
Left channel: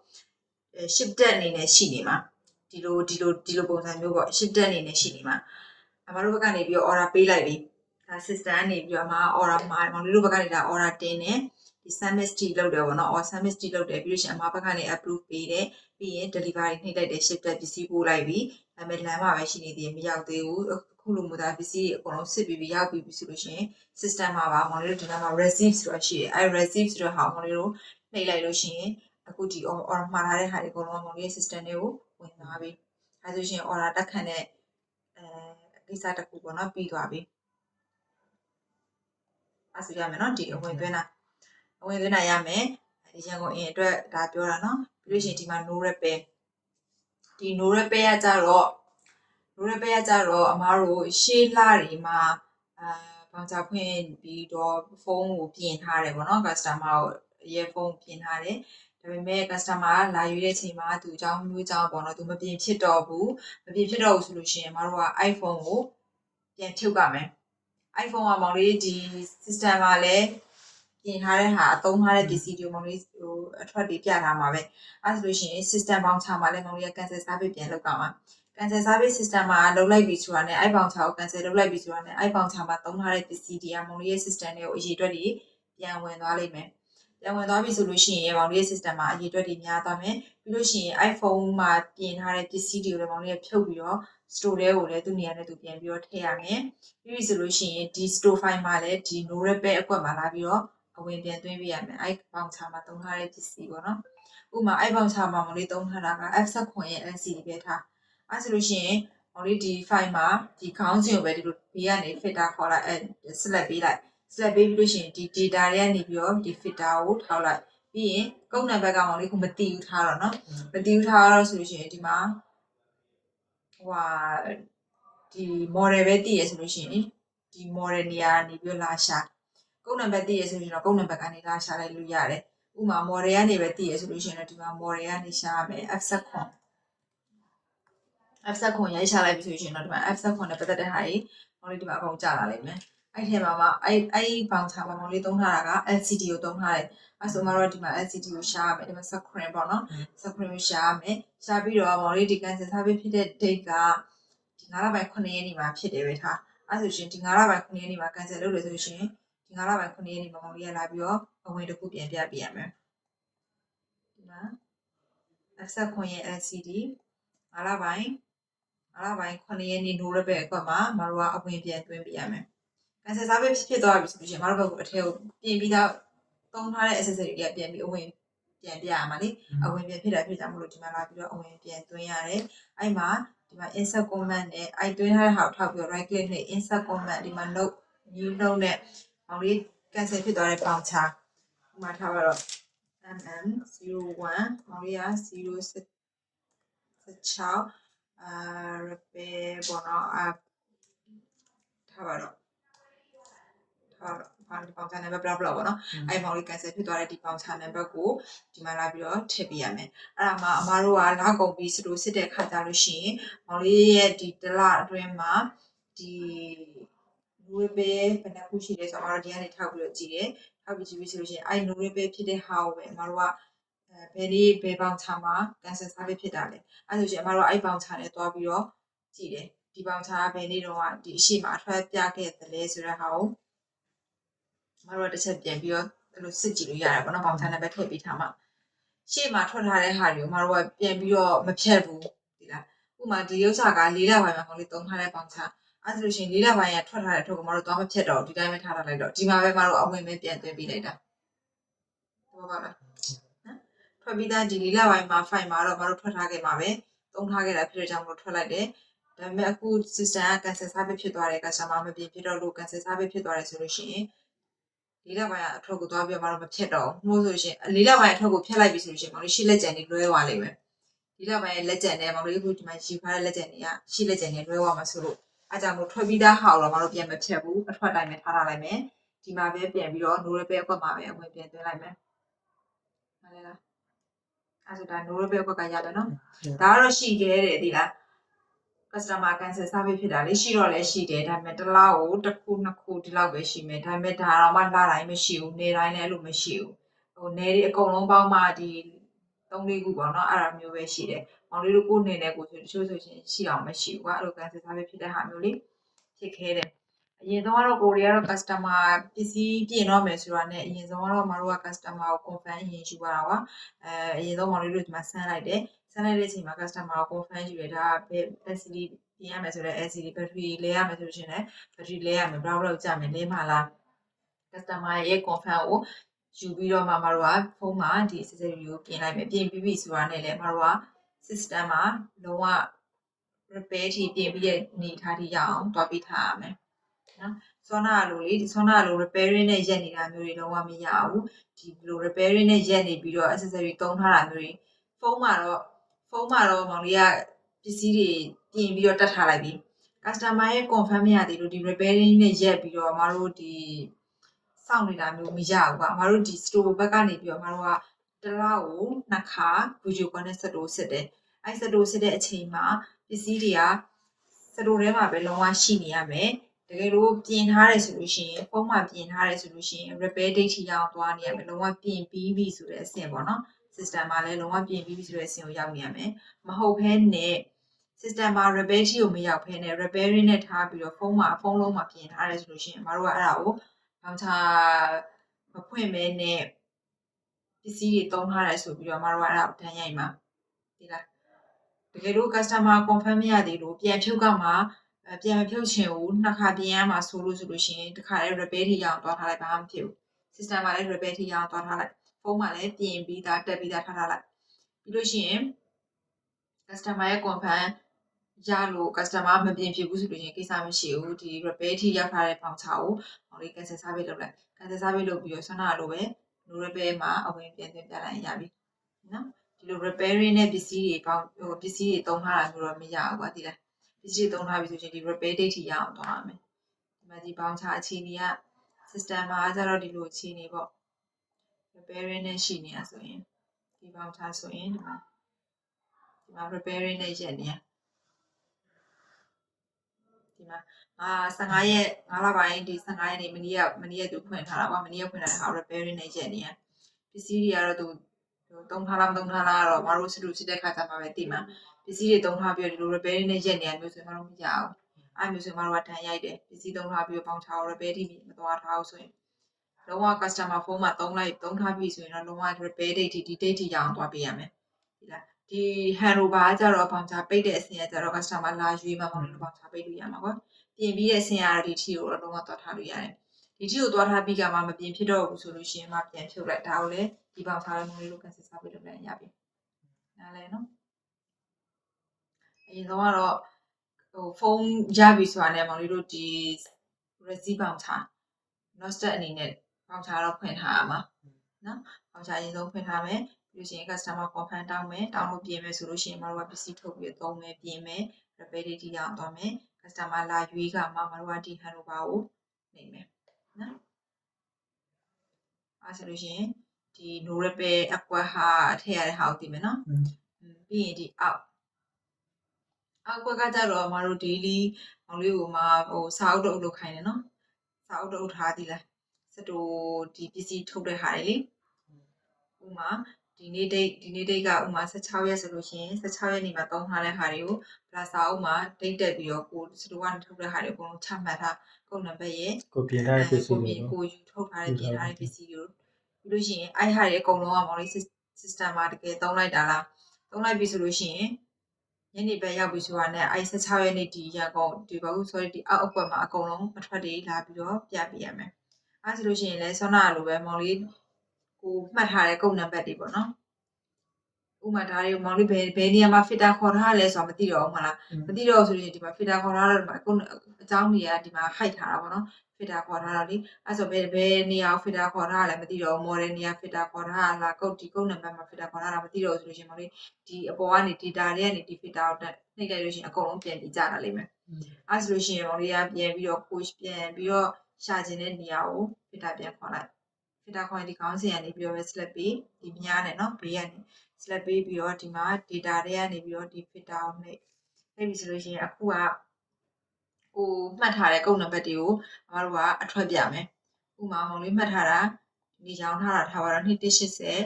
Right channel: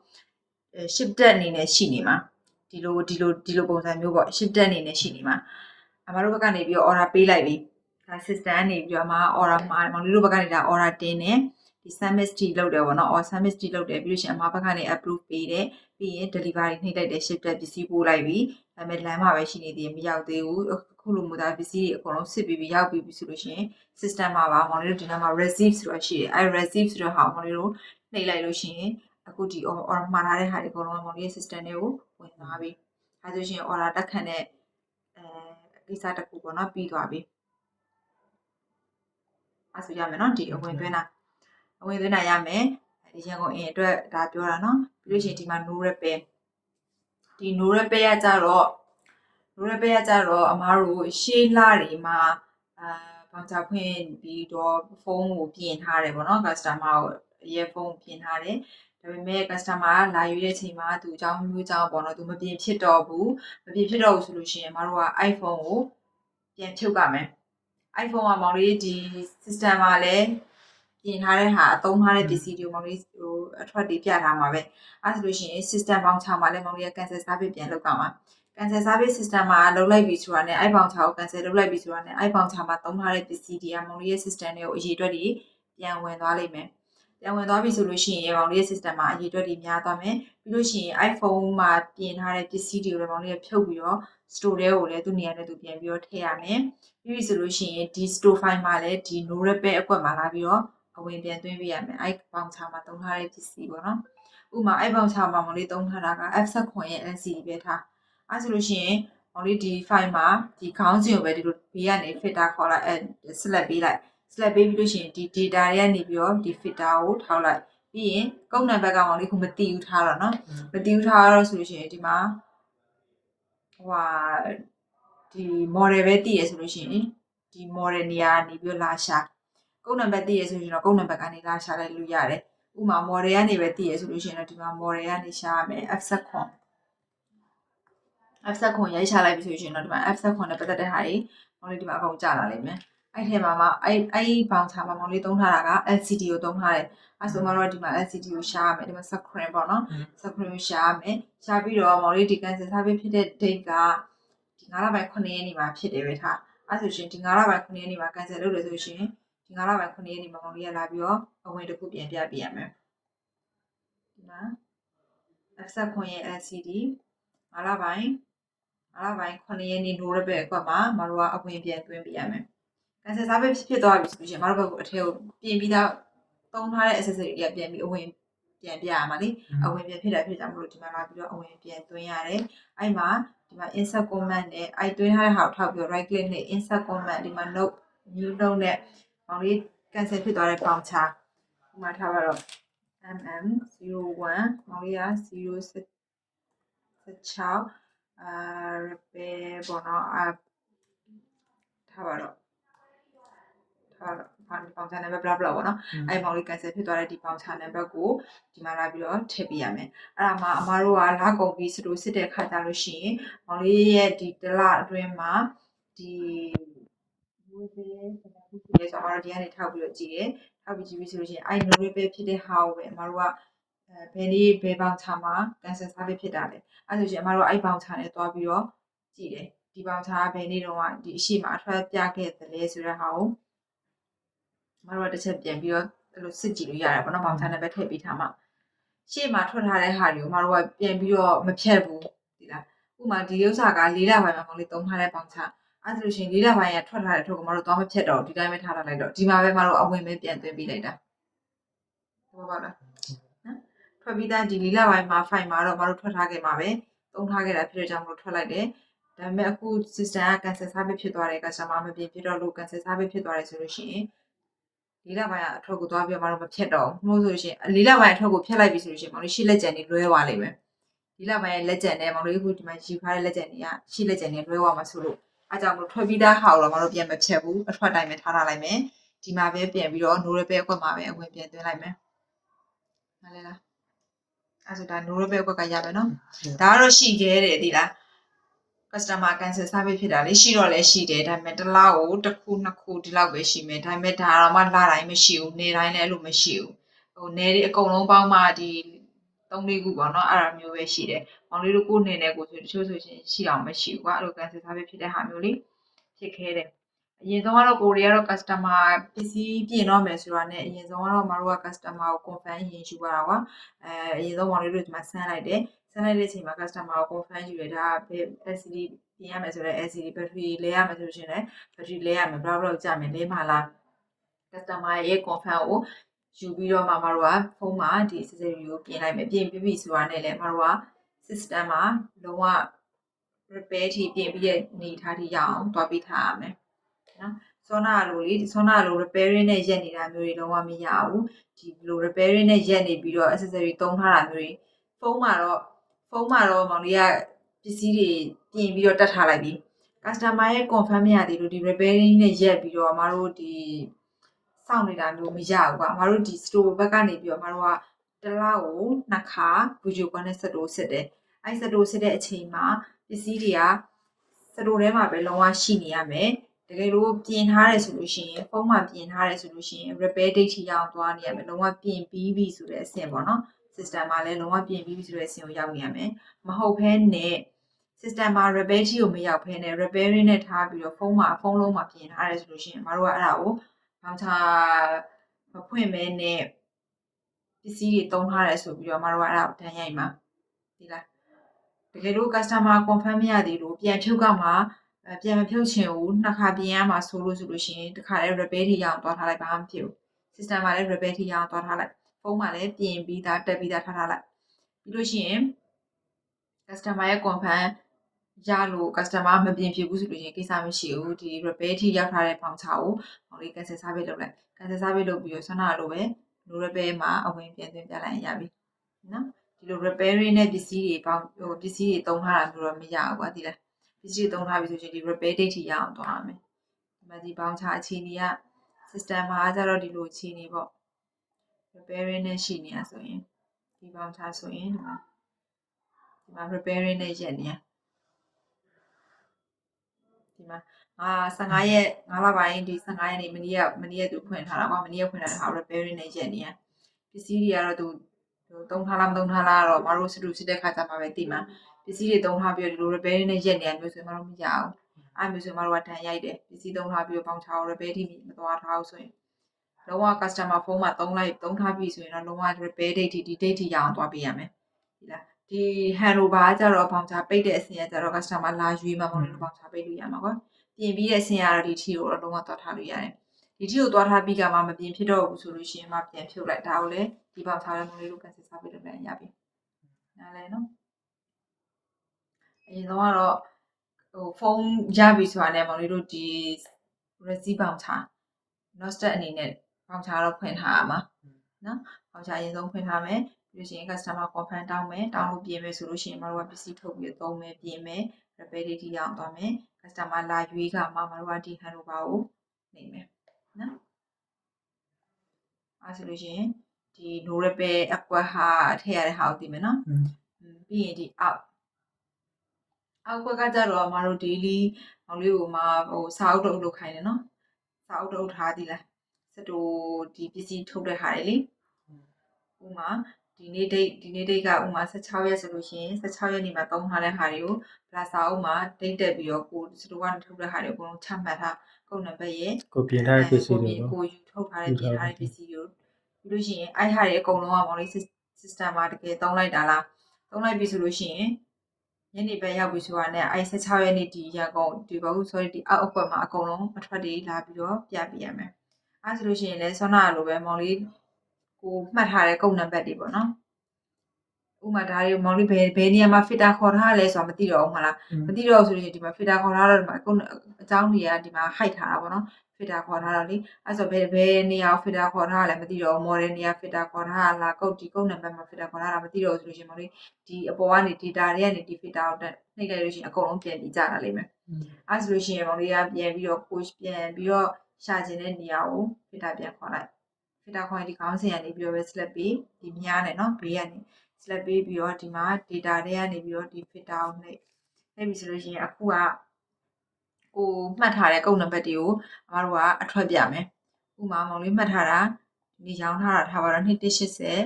shifted အနေနဲ့ရှိနေမှာဒီလိုပုံစံမျိုးပေါ့ shifted အနေနဲ့ရှိနေမှာမတို့ဘက်ကနေပြီးတော့ order ပေးလိုက်ပြီဒါ system ကနေပြီးတော့မှ order မှာမောင်လေးတို့ဘက်ကနေဒါ order တင်တယ်ဒီ submit လုပ်တယ်ပေါ့နော် or submit လုပ်တယ်ပြီးလို့ရှိရင်အမဘက်ကနေ approve ပေးတယ်ပြီးရင် delivery နှိပ်လိုက်တယ် shifted ပစ္စည်းပို့လိုက်ပြီဒါပေမဲ့လမ်းမှာပဲရှိနေသေးတယ်မရောက်သေးဘူးအခုလိုမျိုးဒါပစ္စည်းတွေအကုန်လုံးစစ်ပြီးရောက်ပြီဆိုလို့ရှိရင် system မှာပါမောင်လေးတို့ဒီနားမှာ receive ဆိုတာရှိတယ်အဲ receive ဆိုတဲ့ဟာကိုမောင်လေးတို့နှိပ်လိုက်လို့ရှိရင်အခုဒီ order မှာထားတဲ့ဟာတွေအကုန်လုံးမောင်လေး system တွေကိုဝင်သွားပြီအဲဆိုရှင် order တက်ခံတဲ့ကိစ္စတစ်ခုပေါ့နော်ပြီးသွားပြီအဲဆိုရမယ်နော်ဒီအဝင်သွင်းတာရမယ်ရန်ကုန်အင်အတွက်ဒါပြောတာနော်ပြီးလို့ရှိရင်ဒီမှာ no repair ဒီ no repair ကကြတော့အမားတို့ရှေးလတွေမှာဘောင်ချဖွင့်ပြီးတော့ဖုန်းကိုပြင်ထားတယ်ပေါ့နော် customer ကိုရဲ့ဖုန်းပြင်ထားတယ်ဒါပေမဲ့ customer ကလာယူတဲ့အချိန်မှာသူအကြောင်းမျိုးကြောင့်ပေါ့နော်သူမပြင်ဖြစ်တော့ဘူးဆိုလို့ရှိရင်အမားတို့က iPhone ကိုပြန်ဖြုတ်ရမယ် iPhone ကမောင်လေးဒီ system မှာလည်းပြင်ထားတဲ့ဟာအသုံးထားတဲ့ပစ္စည်းတွေမောင်လေးအထွက်တွေပြထားမှာပဲအဲဆိုလို့ရှိရင် system voucher မှာလည်းမောင်လေးက cancel service ပြန်လုပ်ကြမှာ cancel service system မှာလုပ်လိုက်ပြီဆိုတာနဲ့ voucher ကို cancel လုပ်လိုက်ပြီဆိုတာနဲ့ voucher မှာသုံးထားတဲ့ပစ္စည်းတွေကမောင်လေးရဲ့ system တွေကိုအရေးအတွက်တွေပြန်ဝင်သွားလိမ့်မယ်ပြန်ဝင်သွားပြီဆိုလို့ရှိရင်မောင်လေးရဲ့ system မှာအရေးအတွက်တွေများသွားမယ်ပြီးလို့ရှိရင် iPhone မှာပြင်ထားတဲ့ပစ္စည်းတွေကိုလည်းမောင်လေးကဖြုတ်ပြီးတော့ store တွေကိုလည်းသူ့နေရာနဲ့သူပြန်ပြီးတော့ထည့်ရမယ်ပြီးပြီဆိုလို့ရှိရင်ဒီ store file မှာလည်းဒီ no repair အကွက်မှာလာပြီးတော့အဝင်ပြန်သွင်းပေးရမယ်voucher မှာသုံးထားတဲ့ပစ္စည်းပေါ့နော်ဥပမာvoucher မှာမောင်လေးသုံးထားတာက F7 ရဲ့ LCD ပဲထားအဲဆိုလို့ရှိရင်မောင်လေးဒီ file မှာဒီခေါင်းစဉ်ကိုပဲဒီလိုဘေးကနေ filter ခေါ်လိုက်select ပေးလိုက် select ပေးပြီးလို့ရှိရင်ဒီ data တွေကနေပြီးတော့ဒီ filter ကိုထောက်လိုက်ပြီးရင်ကုန်းနံပါတ်ကမောင်လေးခုမတီးဘူးထားတော့နော်မတီးဘူးထားတော့ဆိုလို့ရှိရင်ဒီမှာဒီ model ပဲတည်ရဆိုလို့ရှိရင်ဒီ model နေရာနေပြီးလာရှာကုန်းနံပါတ်တည်ရဆိုရင်တော့ကုန်းနံပါတ်ကနေလာရှာလိုက်လို့ရတယ်ဥပမာ model ကနေပဲတည်ရဆိုလို့ရှိရင်တော့ဒီမှာ model ကနေရှာရမယ် F7 ရိုက်ချလိုက်ပြီဆိုရင်တော့ဒီမှာ F7 နဲ့ပတ်သက်တဲ့ဟာတွေမောင်လေးဒီမှာအကုန်ကျလာလိမ့်မယ်အဲ့ထဲမှာအဲ့ voucher မှာမောင်လေးသုံးထားတာက LCD ကိုသုံးထားတယ်အဲ့ဆိုမှတော့ဒီမှာ LCD ကိုရှာရမယ်ဒီမှာ screen ပေါ့နော် screen ကိုရှာရမယ်ရှာပြီးတော့မောင်လေးဒီ cancel service ဖြစ်တဲ့ date ကဒီ9လပိုင်း9ရက်နေ့မှာဖြစ်တယ်ပဲထားအဲ့ဆိုရှင်ဒီ9လပိုင်း9ရက်နေ့မှာ cancel လုပ်တယ်ဆိုရှင်ဒီ9လပိုင်း9ရက်နေ့မှာမောင်လေးရလာပြီးတော့အဝင်တစ်ခုပြန်ပြပေးရမယ်ဒီမှာ F7 ရဲ့ LCD 9လပိုင်း9ရက်နေ့ no repair အကွက်မှာမတို့ကအဝင်ပြန်သွင်းပေးရမယ် cancel service ဖြစ်သွားပြီဆိုလို့ရှိရင်မတို့ကအထက်ကိုပြင်ပြီးတော့သုံးထားတဲ့ accessory တွေကပြန်ပြီးအဝင်ပြန်ပြရမှာလေအဝင်ပြန်ဖြစ်တာဖြစ်ကြမလို့ဒီမှာလာပြီးတော့အဝင်ပြန်သွင်းရတယ်အဲ့မှာဒီ ဒီမှာ insert comment နဲ့အဲ့တွင်းထားတဲ့ဟာကိုထောက်ပြီး right click နဲ့ insert comment ဒီမှာ note new note နဲ့မောင်လေး cancel ဖြစ်သွားတဲ့ပေါင်ချာဒီမှာထားပါတော့ mm01 မောင်လေးက016repair ပေါ့နော်ထားပါတော့ပေါင်ချာ number blah blah ပေါ့နော်အဲ့မောင်လေး cancel ဖြစ်သွားတဲ့ဒီပေါင်ချာ number ကိုဒီမှာလာပြီးတော့ထည့်ပေးရမယ်အဲ့ဒါမှအမားတို့ကလာကုန်ပြီးစတူစစ်တဲ့ခါကြလို့ရှိရင်မောင်လေးရဲ့ဒီတလအတွင်းမှာဒီလူပဲဘယ်နှခုရှိလဲဆိုတော့အမားတို့ဒီကနေထောက်ပြီးတော့ကြည့်တယ်ထောက်ပြီးကြည့်ပြီးဆိုလို့ရှိရင်အဲ့လူပဲဖြစ်တဲ့ဟာကိုပဲအမားတို့ကဘယ်နေ့ဘယ်ပေါင်ချာမှာ cancel စားပြီးဖြစ်တာလဲအဲ့ဆိုရှင်အမားတို့အဲ့ပေါင်ချာနဲ့တွားပြီးတော့ကြည့်တယ်ဒီပေါင်ချာကဘယ်နေ့တော့ဒီအရှိမအထွက်ပြခဲ့တယ်လဲဆိုတဲ့ဟာကိုမတော်တစ်ချက်ပြန်ပြီးတော့အဲ့လိုစစ်ကြည့်လို့ရတယ်ပေါ့နော်ပေါင်ချာနံပါတ်ထည့်ပေးထားမှာရှေ့မှာထွက်ထားတဲ့ဟာတွေကိုမတော်ကပြန်ပြီးတော့မဖြတ်ဘူးဒီလားဥမာဒီဥစ္စာက၄လပိုင်းမှာပေါင်လေးသုံးထားတဲ့ပေါင်ချာအဲ့ဆိုလို့ရှိရင်၄လပိုင်းကထွက်ထားတဲ့အထုပ်ကိုမတော်သွားမဖြတ်တော့ဒီတိုင်းပဲထားလိုက်တော့ဒီမှာပဲမတော်အဝင်ပဲပြန်သွင်းပေးလိုက်တာဟုတ်ပါလားနော်ထွက်ပြီးသားဒီ၄လပိုင်းမှာ file မှာတော့မတော်ထွက်ထားခဲ့မှာပဲသုံးထားခဲ့တာဖြစ်တဲ့ကြောင့်မတော်ထွက်လိုက်တယ်ဒါပေမဲ့အခု system က cancel service ဖြစ်သွားတယ် customer မပြင်ဖြစ်တော့လို့ cancel service ဖြစ်သွားတယ်ဆိုလို့ရှိရင်၄လပိုင်းအထွက်ကိုသွားပြီးတော့မဖြတ်တော့ဘူးမို့ဆိုရှင်၄လပိုင်းအထွက်ကိုဖြတ်လိုက်ပြီဆိုလို့ရှိရင်မောင်လေးရှေ့လက်ကျန်တွေလွဲသွားလိမ့်မယ်၄လပိုင်းရဲ့လက်ကျန်နဲ့မောင်လေးခုဒီမှာရှိထားတဲ့လက်ကျန်တွေကရှေ့လက်ကျန်တွေလွဲသွားမှာဆိုလို့အားကြောင့်မို့ထွက်ပြီးသားဟာတော့မောင်တို့ပြန်မဖြတ်ဘူးအထွက်တိုင်းပဲထားလိုက်မယ်ဒီမှာပဲပြန်ပြီးတော့ no repair အကွက်မှာပဲအဝင်ပြန်သွင်းလိုက်မယ်မှန်လဲလားအဲ့ဆိုဒါ no repair အကွက်ကရမယ်နော်ဒါကတော့ရှိခဲ့တယ်ဒီလားcustomer cancel service ဖြစ်တာလေရှိတော့လည်းရှိတယ်ဒါပေမဲ့တစ်လားကိုတစ်ခုနှစ်ခုဒီလောက်ပဲရှိမယ်ဒါပေမဲ့ဒါတော့မှလတိုင်းမရှိဘူးနေ့တိုင်းလည်းအဲ့လိုမရှိဘူးဟိုနေ့တွေအကုန်လုံးပေါင်းမှဒီ3-4ခုပေါ့နော်အဲ့ဒါမျိုးပဲရှိတယ်မောင်လေးတို့ကိုနေနေကိုဆိုတချို့ဆိုရှင်ရှိအောင်မရှိဘူးကွာအဲ့လို cancel service ဖြစ်တဲ့ဟာမျိုးလေးဖြစ်ခဲတယ်အရင်ဆုံးကတော့ကိုရီးယားတော့ customer ပစ္စည်းပြင်တော့မယ်ဆိုတာနဲ့အရင်ဆုံးကတော့မတို့က customer ကို confirm ရင်ယူရတာကွာအရင်ဆုံးမောင်လေးတို့ဒီမှာဆန်းလိုက်တယ်ဆန်းလိုက်တဲ့အချိန်မှာ customer ကို confirm ယူရတာဘယ် LCD ပြင်ရမယ်ဆိုတော့ LCD battery လဲရမယ်ဆိုလို့ရှိရင်လည်း battery လဲရမယ်ဘယ်လောက်ကြာမယ်လဲမှာလား customer ရဲ့ confirm ကိုယူပြီးတော့မှမတို့ကဖုန်းမှာဒီ accessory ကိုပြင်လိုက်မယ်ပြင်ပြီးပြီဆိုတာနဲ့လည်းမတို့က system မှာလုံးဝ repair ထိပြင်ပြီးတဲ့အနေထားထိရအောင်တွားပြီးထားရမယ်နော်ဆောနာလိုလေဆောနာလို repairing နဲ့ရက်နေတာမျိုးတွေလုံးဝမရဘူးဒီလို repairing နဲ့ရက်နေပြီးတော့ accessory သုံးထားတာမျိုးတွေဖုန်းမှာတော့မောင်လေးကပစ္စည်းတွေပြင်ပြီးတော့တက်ထားလိုက်ပြီ customer ရဲ့ confirm မရသေးလို့ဒီ repairing နဲ့ရက်ပြီးတော့မတို့ဒီစောင့်နေတာမျိုးမရဘူးကွာမတို့ဒီ store ဘက်ကနေပြီးတော့မတို့ကတစ်လားကိုနှစ်ခါ video call နဲ့ set စစ်တယ်အဲ့ set စစ်တဲ့အချိန်မှာပစ္စည်းတွေကစတိုထဲမှာပဲလုံးဝရှိနေရမယ်တကယ်လို့ပြင်ထားတယ်ဆိုလို့ရှိရင်ဖုန်းမှာပြင်ထားတယ်ဆိုလို့ရှိရင် repair date ထိရောက်သွားနေရမယ်လုံးဝပြင်ပြီးပြီဆိုတဲ့အဆင့်ပေါ့နော် system မှာလည်းလုံးဝပြင်ပြီးပြီဆိုတဲ့အဆင့်ကိုရောက်နေရမယ်မဟုတ်ဘဲနဲ့ system မှာ repair ထိကိုမရောက်ဘဲနဲ့ repairing နဲ့ထားပြီးတော့ဖုန်းလုံးမှာပြင်ထားတယ်ဆိုလို့ရှိရင်မတို့ကအဲ့ဒါကိုဘောင်ချာမဖွင့်မဲနဲ့ပစ္စည်းတွေသုံးထားတယ်ဆိုပြီးတော့မတို့ကအဲ့ဒါကိုတန်းရိုက်မှာဒီလားတကယ်လို့ customer confirm မရသေးလို့ပြန်ဖြုတ်ကမှပြန်မဖြုတ်ချင်ဘူးနှစ်ခါပြင်ရမှာဆိုလို့ရှိရင်တစ်ခါလေး repair ထိရအောင်တွားထားလိုက်ဘာမှမဖြစ်ဘူး system မှာလည်း repair ထိရအောင်တွားထားလိုက်ဖုန်းမှာလည်းပြင်ပြီးသားတက်ပြီးသားထားထားလိုက်ပြီးလို့ရှိရင် customer ရဲ့ confirm ရလို့ customer မပြင်ဖြစ်ဘူးဆိုလို့ရှိရင်ကိစ္စမရှိဘူးဒီ repair ထိရောက်ထားတဲ့ပေါင်ချာကိုဟိုလေး cancel service လုပ်လိုက် cancel service လုပ်ပြီးတော့ဆွမ်းနာလိုပဲ no repair မှာအဝင်ပြန်သွင်းပြလိုက်ရပြီနော်ဒီလို repairing နဲ့ပစ္စည်းတွေပေါင်းပစ္စည်းတွေသုံးထားတာမျိုးတော့မရဘူးကွာဒီလားပစ္စည်းတွေသုံးထားပြီဆိုရင်ဒီ repair date ထိရအောင်သွားရမယ်ဒီမှာဒီပေါင်းချအခြေအနေက system မှာကျတော့ဒီလိုအခြေအနေပေါ့ repairing နဲ့ရှိနေတာဆိုရင်ဒီပေါင်းချဆိုရင်ဒီမှာ repairing နဲ့ရက်နေဒီမှာ15ရက်5လပိုင်းဒီ15ရက်နေ့မနေ့ကသူဖွင့်ထားတာကွာမနေ့ကဖွင့်ထားတာ repairing နဲ့ရက်နေရပစ္စည်းတွေကတော့သူသုံးထားလားမသုံးထားလားတော့မတို့စတူစစ်တဲ့ခါကျမှပဲသိမှာပစ္စည်းတွေသုံးထားပြီးတော့ဒီလို repairing နဲ့ရက်နေရမျိုးဆိုရင်မတို့မရအောင်အဲ့မျိုးဆိုရင်မတို့ကတန်ရိုက်တယ်ပစ္စည်းသုံးထားပြီးတော့ပေါင်ချော repair ထိမသွားထားအောင်ဆိုရင်လုံးဝ customer ဖုန်းမှာသုံးထားပြီးဆိုရင်တော့လုံးဝ repair date ဒီ date ထိရအောင်သွားပေးရမယ်ဒီလားဒီ handover ကကြတော့ပေါင်ချပိတ်တဲ့အဆင့်ကကြတော့ customer လာရွေးမှာမဟုတ်ဘူးပေါင်ချပိတ်လို့ရမှာကွာပြင်ပြီးတဲ့အဆင့်ကတော့ဒီထီကိုတော့လုံးဝသွားထားလို့ရတယ်ဒီထီကိုသွားထားပြီးကမှမပြင်ဖြစ်တော့ဘူးဆိုလို့ရှိရင်မှပြန်ဖြုတ်လိုက်ဒါကိုလည်းဒီပေါင်ထားမျိုးလေးကို cancel စားပြီးလုပ်လိုက်ရပြီနားလဲနော်အ ရင်တော့ဖုန်းရပြီဆိုတာနဲ့မောင်လေးတို့ဒီ receipt ပေါင်ချ nostet အနေနဲ့ပေါင်ချတော့ဖွင့်ထားရမှာနော်ပေါင်ချအရင်ဆုံးဖွင့်ထားမယ်ပြီးလို့ရှိရင် customer confirm တောင်းမယ်တောင်းလို့ပြင်မယ်ဆိုလို့ရှိရင်မတို့ကပစ္စည်းထုတ်ပြီးသုံးမယ်ပြင်မယ် repair ရောက်သွားမယ် customer လာရွေးကမှမတို့ကဒီ handover ကိုနေမယ်နော်အဲဆိုလို့ရှိရင်ဒီ no repair အကွက်ဟာထည့်ရတဲ့ဟာကိုသိမယ်နော်ပြီးရင်ဒီအောက်ကကြတော့မတို့ daily မောင်လေးကိုမှစာအုပ်တော့လုပ်ခိုင်းတယ်နော်စာအုပ်တော့ထားသည်လားစတူဒီပစ္စည်းထုတ်တဲ့ဟာတွေလေဥမာဒီနေ့ date ကဥမာ16ရက်ဆိုလို့ရှိရင်16ရက်နေ့မှာသုံးထားတဲ့ဟာတွေကိုဗလာစာအုပ်မှာ date တက်ပြီးတော့ကိုစတူကထုတ်တဲ့ဟာတွေအကုန်လုံးချမှတ်ထားကုတ်နံပါတ်ရဲ့ကိုပြင်ထားတဲ့ပစ္စည်းတွေကိုကိုယူထုတ်ထားတဲ့ပြင်ထားတဲ့ပစ္စည်းတွေကိုပြီးလို့ရှိရင်အဲ့ဟာတွေအကုန်လုံးကမောင်လေး system မှာတကယ်သုံးလိုက်တာလားသုံးလိုက်ပြီဆိုလို့ရှိရင်ညနေပဲရောက်ပြီဆိုတာနဲ့အဲ့16ရက်နေ့ဒီရကုန်ဒီဘာလို့ဆိုရဒီအောက်အကွက်မှာအကုန်လုံးအထွက်တွေလာပြီးတော့ပြပြရမယ်အဲ့ဆိုလို့ရှိရင်လည်းဆွမ်းနာလိုပဲမောင်လေးကိုမှတ်ထားတဲ့ကုတ်နံပါတ်တွေပေါ့နော်ဥမာဒါတွေမောင်လေးဘယ်နေရာမှာ fitter ခေါ်ထားလဲဆိုတာမသိတော့ဘူးမလားမသိတော့ဆိုရင်ဒီမှာ fitter ခေါ်ထားတော့ဒီမှာအကြောင်းတွေကဒီမှာ hide ထားတာပေါ့နော် fitter ခေါ်ထားတာလေအဲ့ဆိုဘယ်နေရာ fitter ခေါ်ထားလဲမသိတော့ model နေရာ fitter ခေါ်ထားလားကုတ်ဒီကုတ်နံပါတ်မှာ fitter ခေါ်ထားတာမသိတော့ဆိုလို့ရှိရင်မောင်လေးဒီအပေါ်ကနေ data တွေကနေဒီ fitter ကိုနှိပ်လိုက်လို့ရှိရင်အကုန်လုံးပြန်ပြီးကြတာလိမ့်မယ်အဲ့ဆိုလို့ရှိရင်မောင်လေးကပြန်ပြီးတော့ coach ပြန်ပြီးတော့ရှာခြင်းတဲ့နေရာကို fitter ပြန်ခေါ်လိုက် fitter ခေါ်ရင်ဒီခေါင်းစဉ်ကနေပြီးတော့ပဲ select ပေးဒီမြားနဲ့နော်ဘေးကနေ select ပေးပြီးတော့ဒီမှာ data တွေကနေပြီးတော့ဒီ fitter ကိုနှိပ်ပြီဆိုလို့ရှိရင်အခုကကိုမှတ်ထားတဲ့ကုတ်နံပါတ်တွေကိုအမတို့ကအထွက်ပြမယ်ဥမာမောင်လေးမှတ်ထားတာဒီရောင်းထားတာထားပါတော့2180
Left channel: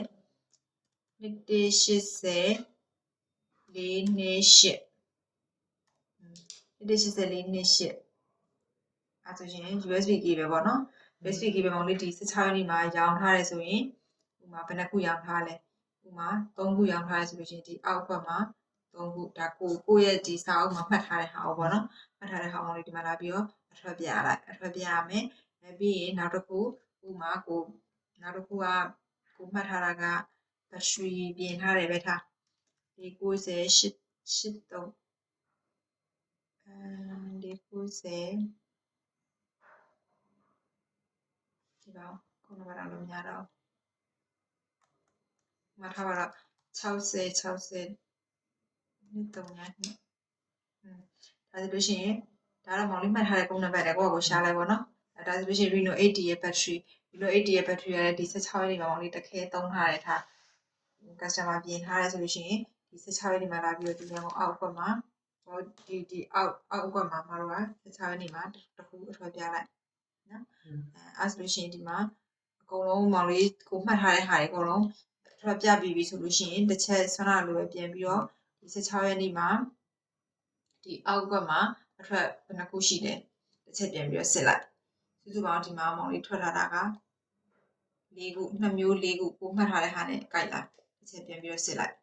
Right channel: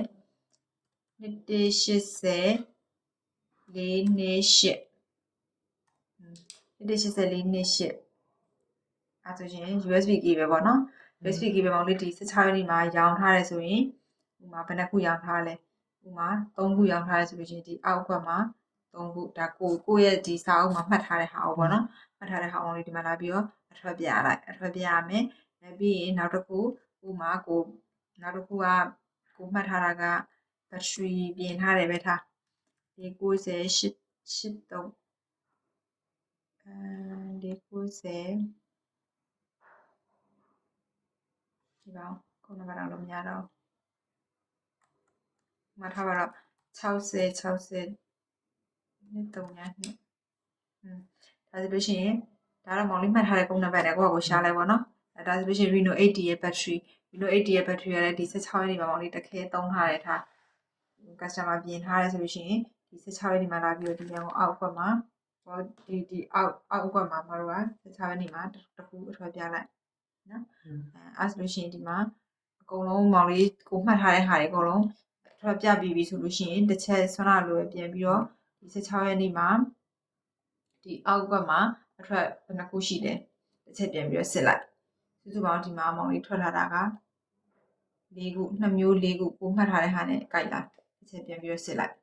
2180 428 2180 428အဲဆိုရင် USB key ပဲပေါ့နော် USB key ပဲမောင်လေးဒီ16ရက်နေ့မှာရောင်းထားတယ်ဆိုရင်ဥမာဘယ်နှခုရောင်းထားလဲဥမာ3ခုရောင်းထားတယ်ဆိုလို့ရှိရင်ဒီအောက်ဘက်မှာ3ခုဒါကိုရဲ့ဒီစာအုပ်မှာမှတ်ထားတဲ့ဟာပေါ့နော်မှတ်ထားတဲ့ဟာမောင်လေးဒီမှာလာပြီးတော့အထွက်ပြလိုက်အထွက်ပြရမယ်ပြီးရင်နောက်တစ်ခုဥမာကိုနောက်တစ်ခုကကိုမှတ်ထားတာကဘက်ထရီပြင်ထားတယ်ပဲထားဒီ98 83ဒီ90ဒီပါခုနကတော့လို့များတော့မှတ်ထားပါတော့60နှစ်3ညနှစ်ဒါဆိုလို့ရှိရင်ဒါတော့မောင်လေးမှတ်ထားတဲ့ပုံနံပါတ်တွေကိုကိုရှားလိုက်ပါတော့ဒါဆိုလို့ရှိရင် Reno 80ရဲ့ battery Reno 80ရဲ့ battery ကလည်းဒီ16ရက်နေ့မှာမောင်လေးတစ်ခဲသုံးထားတယ်ထား customer ပြင်ထားတယ်ဆိုလို့ရှိရင်ဒီ16ရက်နေ့မှာလာပြီးတော့ဒီကောင်အောက်ဘက်မှာဒီအောက်ဘက်မှာမတို့က16ရက်နေ့မှာတစ်ခုအထွက်ပြလိုက်နော်အဲဆိုလို့ရှိရင်ဒီမှာအကုန်လုံးမောင်လေးကိုမှတ်ထားတဲ့ဟာတွေအကုန်လုံးအထွက်ပြပြီးပြီဆိုလို့ရှိရင်တစ်ချက်ဆွမ်းလာလို့ပဲပြင်ပြီးတော့ဒီ16ရက်နေ့မှာဒီအောက်ဘက်မှာအထွက်ဘယ်နှခုရှိတယ်တစ်ချက်ပြန်ပြီးတော့စစ်လိုက်စုစုပေါင်းဒီမှာမောင်လေးထွက်ထားတာက4ခု2မျိုး4ခုကိုမှတ်ထားတဲ့ဟာနဲ့ကြိုက်လာတစ်ချက်ပြန်ပြီးတော့စစ်လိုက်